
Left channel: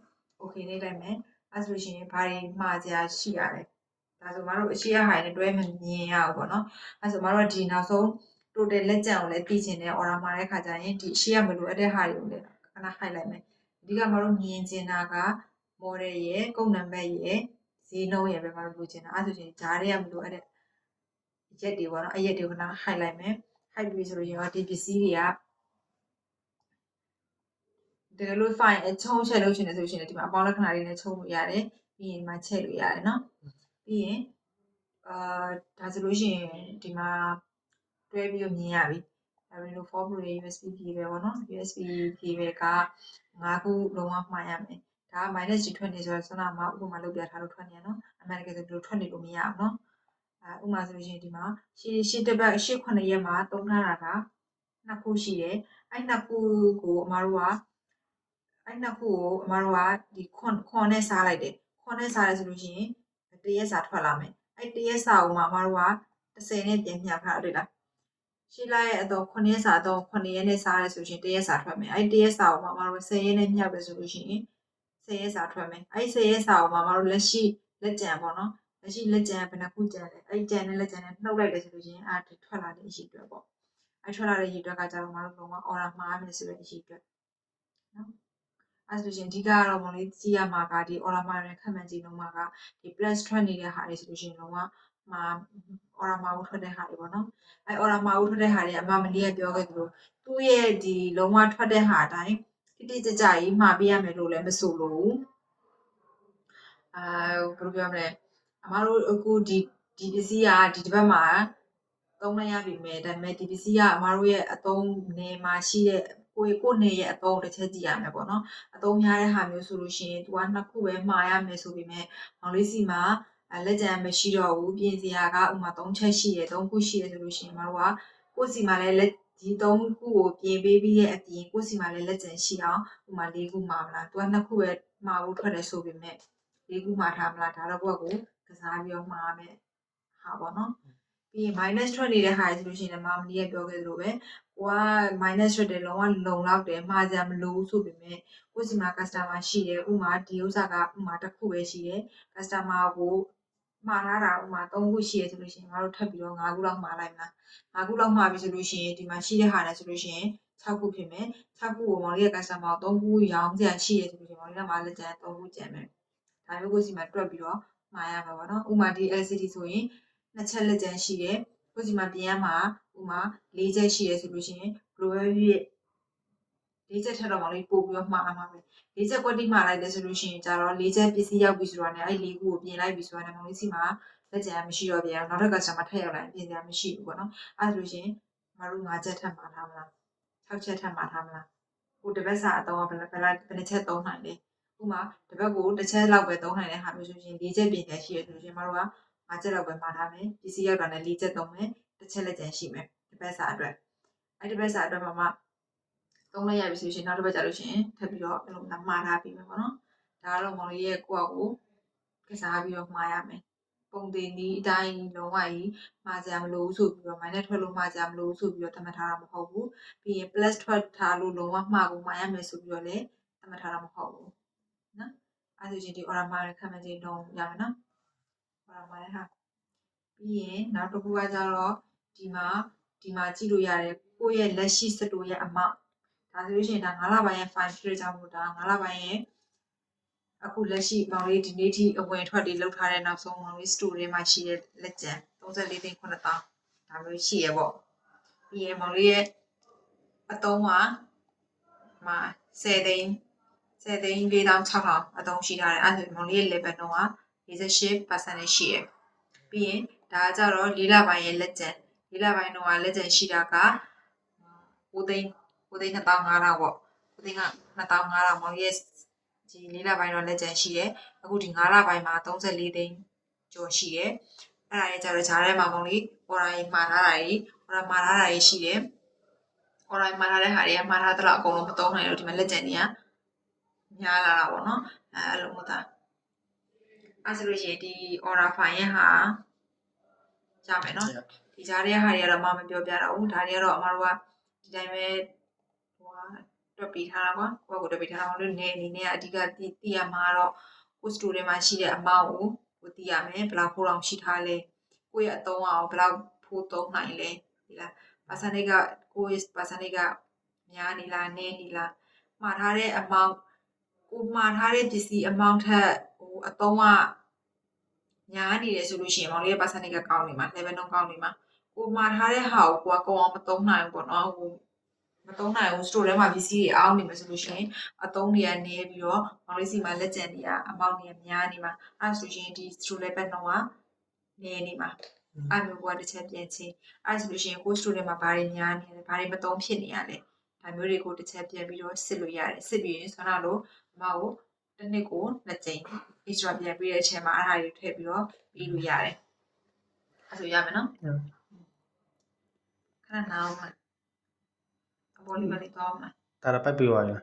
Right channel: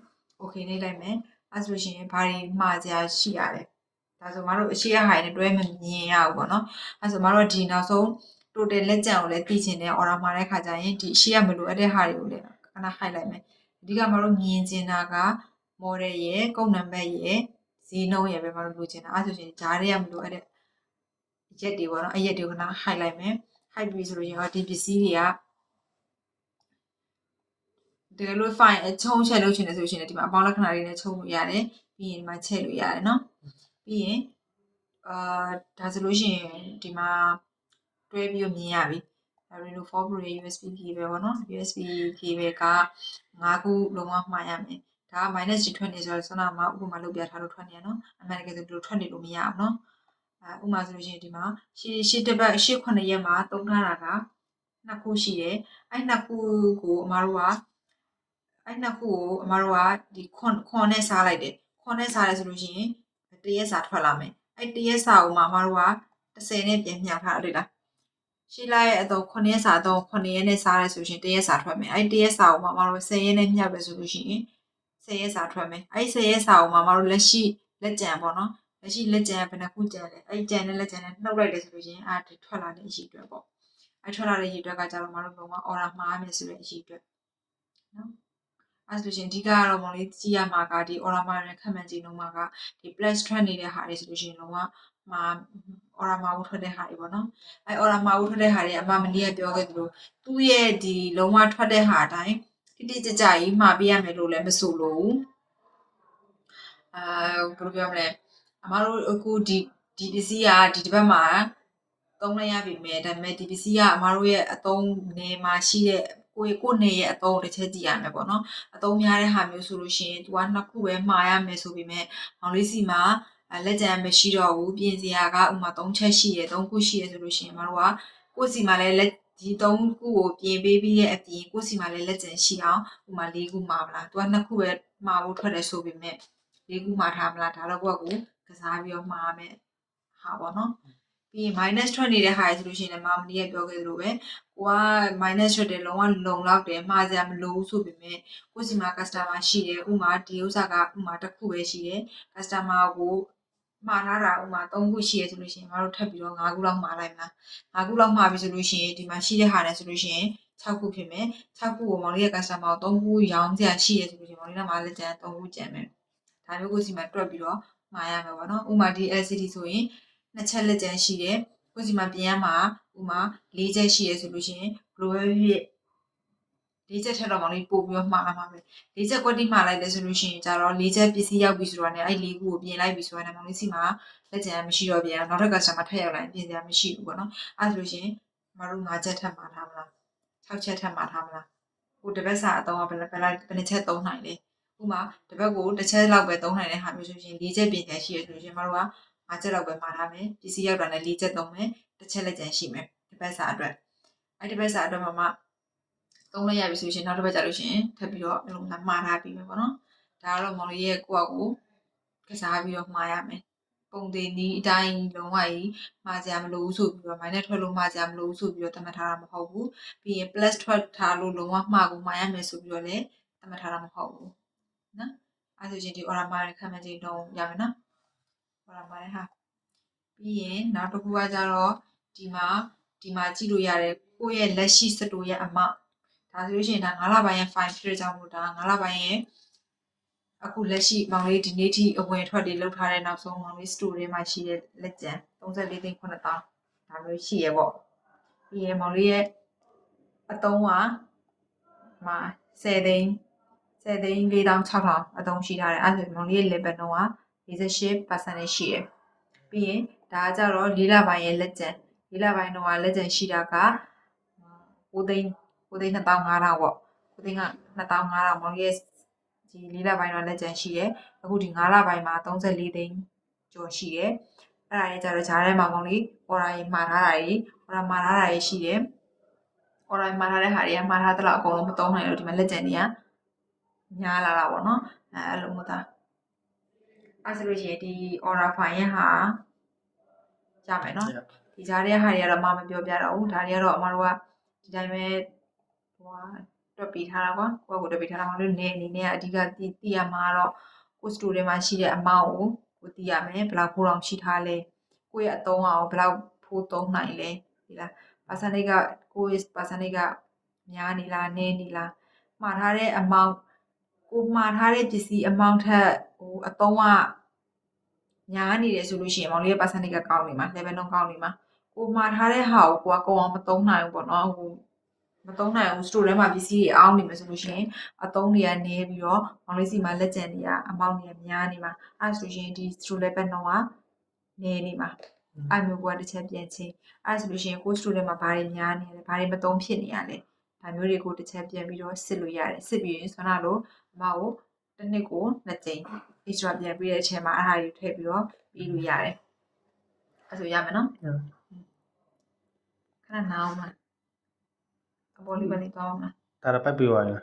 okay နေလိုက်မယ်အဲဆိုလို့ရှိရင်ဘာတွေမှားကြရှိရလဲဒါဆိုမတို့အရှိရဟာနဲ့တွဲမမြင်ရဘူးပေါ့နော်အဲဆိုမတို့ဒီနောက်ဆုံး total လက်ကျန်ကိုလည်းသိချင်တယ် order မှာတဲ့ခါကျရင်ဒီအရှိရမလို့အဲ့တဲ့ဟာတွေကိုလည်းခဏ hide လိုက်မယ်အဓိကမတို့မြင်ချင်တာက model ရဲ့ကုတ်နံပါတ်ရဲ့ဈေးနှုန်းရဲ့ပဲမတို့လိုချင်တာအဲဆိုရင်ဂျားတွေကမလို့အဲ့တဲ့ရက်တွေပေါ့နော်အဲ့ရက်တွေကိုခဏ hide လိုက်မယ် hide ပြီးဆိုလို့ရင်ဒီပစ္စည်းတွေကတကယ်လို့ file ချုံချက်လို့ချင်တယ်ဆိုရှင်ဒီမှာအပေါင်းလက္ခဏာလေးနဲ့ချုပ်လို့ရတယ်ပြီးရင်ဒီမှာချက်လို့ရတယ်နော်ပြီးရင်ဒါဆိုလို့ရှိရင်ဒီမှာတွဲပြီးမြင်ရပြီ Reno 4 Pro USB cable ပေါ့နော် USB cable က5ခုလုံးဝမှားရမယ် ဒါက minus ကြီးထွက်နေဆိုတော့ဆွမ်းနာမှာဥပမာလုပ်ပြထားလို့ထွက်နေရနော်အမှန်တကယ်ဆိုဒီလိုထွက်နေလို့မရဘူးနော်ဥပမာဆိုလို့ရှိရင်ဒီမှာရှေ့တစ်ပတ်ရှေ့9ရက်မှာသုံးထားတာကနှစ်ခုရှိတယ်အဲ့နှစ်ခုကိုအမတို့ကဒီခွန်နဲ့စားလိုက်တယ်ခွန်နဲ့စားရဲဆိုလို့ရှိရင်တရက်စာထွက်လာမယ်အဲ့တရက်စာကိုမှအမတို့က30နဲ့ပြန်မျှထားတယ်လားရှိလိုက်ရဲ့အတော့9ရက်စာတော့9ရက်နဲ့စားရဲဆိုရှင်တရက်စာထွက်မယ်အဲ့တရက်စာကိုမှအမတို့10ရက်နဲ့မျှပဲဆိုလို့ရှိရင်10ရက်စာထွက်မယ်အဲ့10ရက်စာကိုမှအမတို့လက်ရှိလက်ကြံပေါ့နော်လက်ရှိလက်ကြံဘယ်နှခုကြံလဲအဲ့ကြံနဲ့လက်ကြံနဲ့နှုတ်လိုက်တယ်ဆိုလို့ရှိရင်အဲ့ထွက်လာတဲ့အရှိအတွက်ပေါ့အဲ့ထွက်လာတဲ့အရှိအတွက်ကကြတော့မတို့ကတော့ order မှားမယ်ဆိုတဲ့အရှိအတွက်နော်အဲ့ဆိုရှင်အဓိကကတော့မလေးကြည့်ရမှာကဒီ order မှာရခက်မှန်ကြည့်လုံးမှာကဒီ plus ထွက်နေတဲ့ဟာတွေဆိုလို့ရှိရင်လုံးဝမှာ order မှာဦးထွက်တဲ့ဟာတွေပေါ့နော်အဲ့ order မှာဦးထွက်တဲ့ဟာတွေအမမလေးကပြောခဲ့သလိုသူ့ရဲ့ဒီလုံးဝထွက်တဲ့ဟာအတိုင်းတိတိကျကျကြီးမှာပေးရမယ်လို့လည်းမဆိုလို့ဘယ်လိုပြောမလဲအမတို့အခုဒီပစ္စည်းကဒီတစ်ပတ်မှာသုံးလိုက်ရပြီမဲ့ဒါပေမဲ့ဒီပစ္စည်းကအမတို့ရဲ့အသုံးနေမှာရှိတဲ့ကိုနေရဲ့အသုံးတစ်ချက်ကြည့်ရမယ်ပေါ့နော်အသုံးများတဲ့ဟာမျိုးဆိုလို့ရှိရင်သူကနှစ်ခုပဲမှာရမယ်ဆိုပေမဲ့မောင်လေးစီမှာလက်ကြံမရှိတော့ဘူးပြင်စရာကဥမာ3ချက်ရှိတယ်3ခုရှိတယ်ဆိုလို့ရှိရင်မတို့ကကိုစီမှာလည်းလက်ဒီ3ခုကိုပြင်ပေးပြီးရဲ့အပြင်ကိုစီမှာလည်းလက်ကြံရှိအောင်ဥမာ4ခုမှာမလားသူကနှစ်ခုပဲမှာဖို့ထွက်တယ်ဆိုပေမဲ့4ခုမှာထားမလားဒါတော့ကိုကစားပြီးတော့မှာရမယ်ဟာပေါ့နော်ပြီး minus ထွက်နေတဲ့ဟာဆိုလို့ရှိရင်လည်းမမလေးကပြောခဲ့သလိုပဲကိုက minus ထွက်တယ်လုံးဝလုံလောက်တယ်မှားကြမလို့ဆိုပေမဲ့ကိုစီမှာ customer ရှိတယ်ဥမာဒီဥစ္စာကဥမာတစ်ခုပဲရှိတယ် customer ကိုမှားထားတာဥမာ3ခုရှိရဆိုလို့ရှိရင်မတို့ထပ်ပြီးတော့5ခုလောက်မှားလိုက်မလား5ခုလောက်မှားပြီဆိုလို့ရှိရင်ဒီမှာရှိတဲ့ဟာနဲ့ဆိုလို့ရှိရင်6ခုဖြစ်မယ်6ခုကိုမောင်လေးရဲ့ customer ကို3ခုရောင်းကြရှိရဆိုလို့ရှိရင်မောင်လေးကမှလည်းကျန်3ခုကျန်မယ်ဒါမျိုးကိုစီမှာတွက်ပြီးတော့မှားရမှာပေါ့နော်ဥမာဒီ LCD ဆိုရင်2ချက်လက်ကျန်ရှိတယ်ကိုစီမှာပြင်ရမှာဥမာ4ချက်ရှိရဆိုလို့ရှိရင်ဘလိုပဲဖြစ်4ချက်ထက်တော့မောင်လေးပို့ပြီးတော့မှားမှာပဲ4ချက်ကွက်တိမှားလိုက်တယ်ဆိုလို့ရှိရင်ကြတော့4ချက်ပစ္စည်းရောက်ပြီဆိုတာနဲ့အဲ့4ခုကိုပြင်လိုက်ပြီဆိုတာနဲ့မောင်လေးစီမှာလက်ကျန်မရှိတော့ပြန်နောက်ထပ် customer ထပ်ရောက်လာရင်ပြင်စရာမရှိဘူးပေါ့နော်အဲ့ဆိုလို့ရှိရင်မတို့5ချက်ထပ်မှာထားမလား6ချက်ထပ်မှာထားမလားဟိုတစ်ပတ်စာအတော့ဘယ်နှချက်သုံးနိုင်လဲဥမာတစ်ပတ်ကိုတစ်ချက်လောက်ပဲသုံးနိုင်တဲ့ဟာမျိုးဆိုရင်4ချက်ပြင်ပြန်ရှိရဆိုလို့ရှိရင်မတို့က5ချက်လောက်ပဲမှာထားမယ်ပစ္စည်းရောက်တာနဲ့4ချက်သုံးမယ်တစ်ချက်လက်ကျန်ရှိမယ်တစ်ပတ်စာအတွက်အဲ့ဒီပတ်စာအတွက်မှာသုံးလိုက်ရပြီဆိုရှင်နောက်တစ်ပတ်ကြာလို့ရှိရင်ထပ်ပြီးတော့အဲ့လိုမှားထားပြီးမယ်ပေါ့နော်ဒါကတော့မောင်လေးရဲ့ကိုယ့်အကိုကစားပြီးတော့မှားရမယ်ပုံသေးနီးအတိုင်းလုံးဝကြီးမှားကြမလို့ဆိုပြီးတော့ minus ထွက်လို့မှားကြမလို့ဆိုပြီးတော့သတ်မှတ်ထားတာမဟုတ်ဘူးပြီးရင် plus ထွက်ထားလို့လုံးဝမှားကိုမှားရမယ်ဆိုပြီးတော့လည်းသတ်မှတ်ထားတာမဟုတ်ဘူးနော်အဲဆိုရင်ဒီ order မှားတဲ့ခံမှန်းချိန်တော့ရမယ်နော် order မှားတဲ့ဟာပြီးရင်နောက်တစ်ခုကကြတော့ဒီမှာကြည့်လို့ရတယ်ကိုယ့်ရဲ့လက်ရှိစတိုရဲ့အမောက်ဒါဆိုလို့ရှိရင်ဒါ9လပိုင်းရဲ့ file ဖြစ်တဲ့ကြောင့်မို့ဒါ9လပိုင်းရဲ့အခုလက်ရှိမောင်လေးဒီနေ့ထိအဝင်ထွက်တွေလုပ်ထားတဲ့နောက်ဆုံးမောင်လေး store တွေမှာရှိတဲ့လက်ကျန်34သိန်း9000ဒါမျိုးရှိရပေါ့ပြီးရင်မောင်လေးရဲ့အတုံးကမှာ10သိန်း4600အတုံးရှိထားတယ်အဲ့ဒါဆိုမောင်လေးရဲ့ level တော့က48% ရှိရပြီးရင်ဒါကြတော့4လပိုင်းရဲ့လက်ကျန်4လပိုင်းတော့လက်ကျန်ရှိတာက9သိန်း2500ပေါ့9သိန်းက2500မောင်လေးရဲ့ဒီ4လပိုင်းတော့လက်ကျန်ရှိတယ်အခုဒီ9လပိုင်းမှာ34သိန်းကျော်ရှိတယ်အဲ့ဒါရဲ့ကြတော့ဂျားထဲမှာကောင်လေး order ကြီးမှာထားတာကြီး order မှာထားတာကြီးရှိတယ် order မှာထားတဲ့ဟာတွေကမှာထားတဲ့လောက်အကုန်လုံးမသုံးနိုင်လို့ဒီမှာလက်ကျန်တွေကများလာတာပေါ့နော်အဲ့လိုမျိုးသားအဲ့ဆိုလို့ရှိရင်ဒီ order file ရဲ့ဟာရမယ်နော်ဒီဂျားထဲဟာတွေကတော့မပြောပြတော့ဘူးဒါတွေကတော့အမတို့ကဒီတိုင်းပဲတွက်ပေးထားတာပေါ့ကိုယ့်ကိုတွက်ပေးထားတာမလို့နေအနေနဲ့အဓိကသိရမှာတော့ကို store ထဲမှာရှိတဲ့အမောက်ကိုသိရမယ်ဘယ်လောက်ဖိုးတောင်ရှိထားလဲကိုယ့်ရဲ့အသုံးအောင်ဘယ်လောက်ဖိုးသုံးနိုင်လဲဒီလား percentage ကကိုယ့်ရဲ့ percentage ကများနေလားနည်းနေလားမှာထားတဲ့အမောက်ကိုမှာထားတဲ့ပစ္စည်းအမောက်ထက်အသုံးကညားနေတယ်ဆိုလို့ရှိရင်မောင်လေးရဲ့ percentage ကကောင်းနေမှာ level တော့ကောင်းနေမှာကိုမှာထားတဲ့ဟာကိုကိုအောင်မသုံးနိုင်ဘူးပေါ့နော်မသုံးနိုင်ဘူး store ထဲမှာပစ္စည်းတွေအောင်းနေမယ်ဆိုလို့ရှိရင်အသုံးတွေကနေပြီးတော့မောင်လေးစီမှာလက်ကျန်တွေကအမောက်တွေများနေမှာအဲ့ဆိုရင်ဒီ store level တော့ကနေနေမှာအဲ့မျိုးကတစ်ချက်ပြန်ချင်းအဲ့ဆိုလို့ရှိရင်ကို store ထဲမှာဘာတွေများနေလဲဘာတွေမသုံးဖြစ်နေရလဲဒါမျိုးတွေကိုတစ်ချက်ပြန်ပြီးတော့စစ်လို့ရတယ်စစ်ပြီးရင်ဆွမ်းနာလို့အမကို တစ်နှစ်ကို2ကြိမ် extra ပြန်ပြီးတဲ့အချိန်မှာအဲ့ဒါတွေထည့်ပြီးတော့ပြီးလို့ရတယ်အဲ့ဆိုရမယ်နော်ခဏနားအောင်ပါအပေါ်လေးပဲလေးတော့မှာ ဒါတော့ပိုက်ပြီးသွားပြီ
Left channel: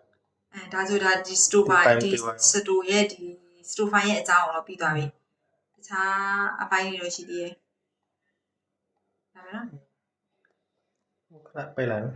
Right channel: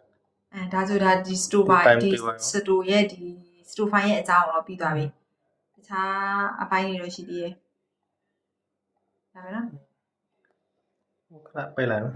ဒါဆိုဒါဒီ store ပါဒီ store ရဲ့ဒီ store file ရဲ့အကြောင်းတော့ပြီးသွားပြီတခြားအပိုင်းတွေတော့ရှိသေးတယ်ဒါပဲနော် ခဏပိတ်လိုက်နော်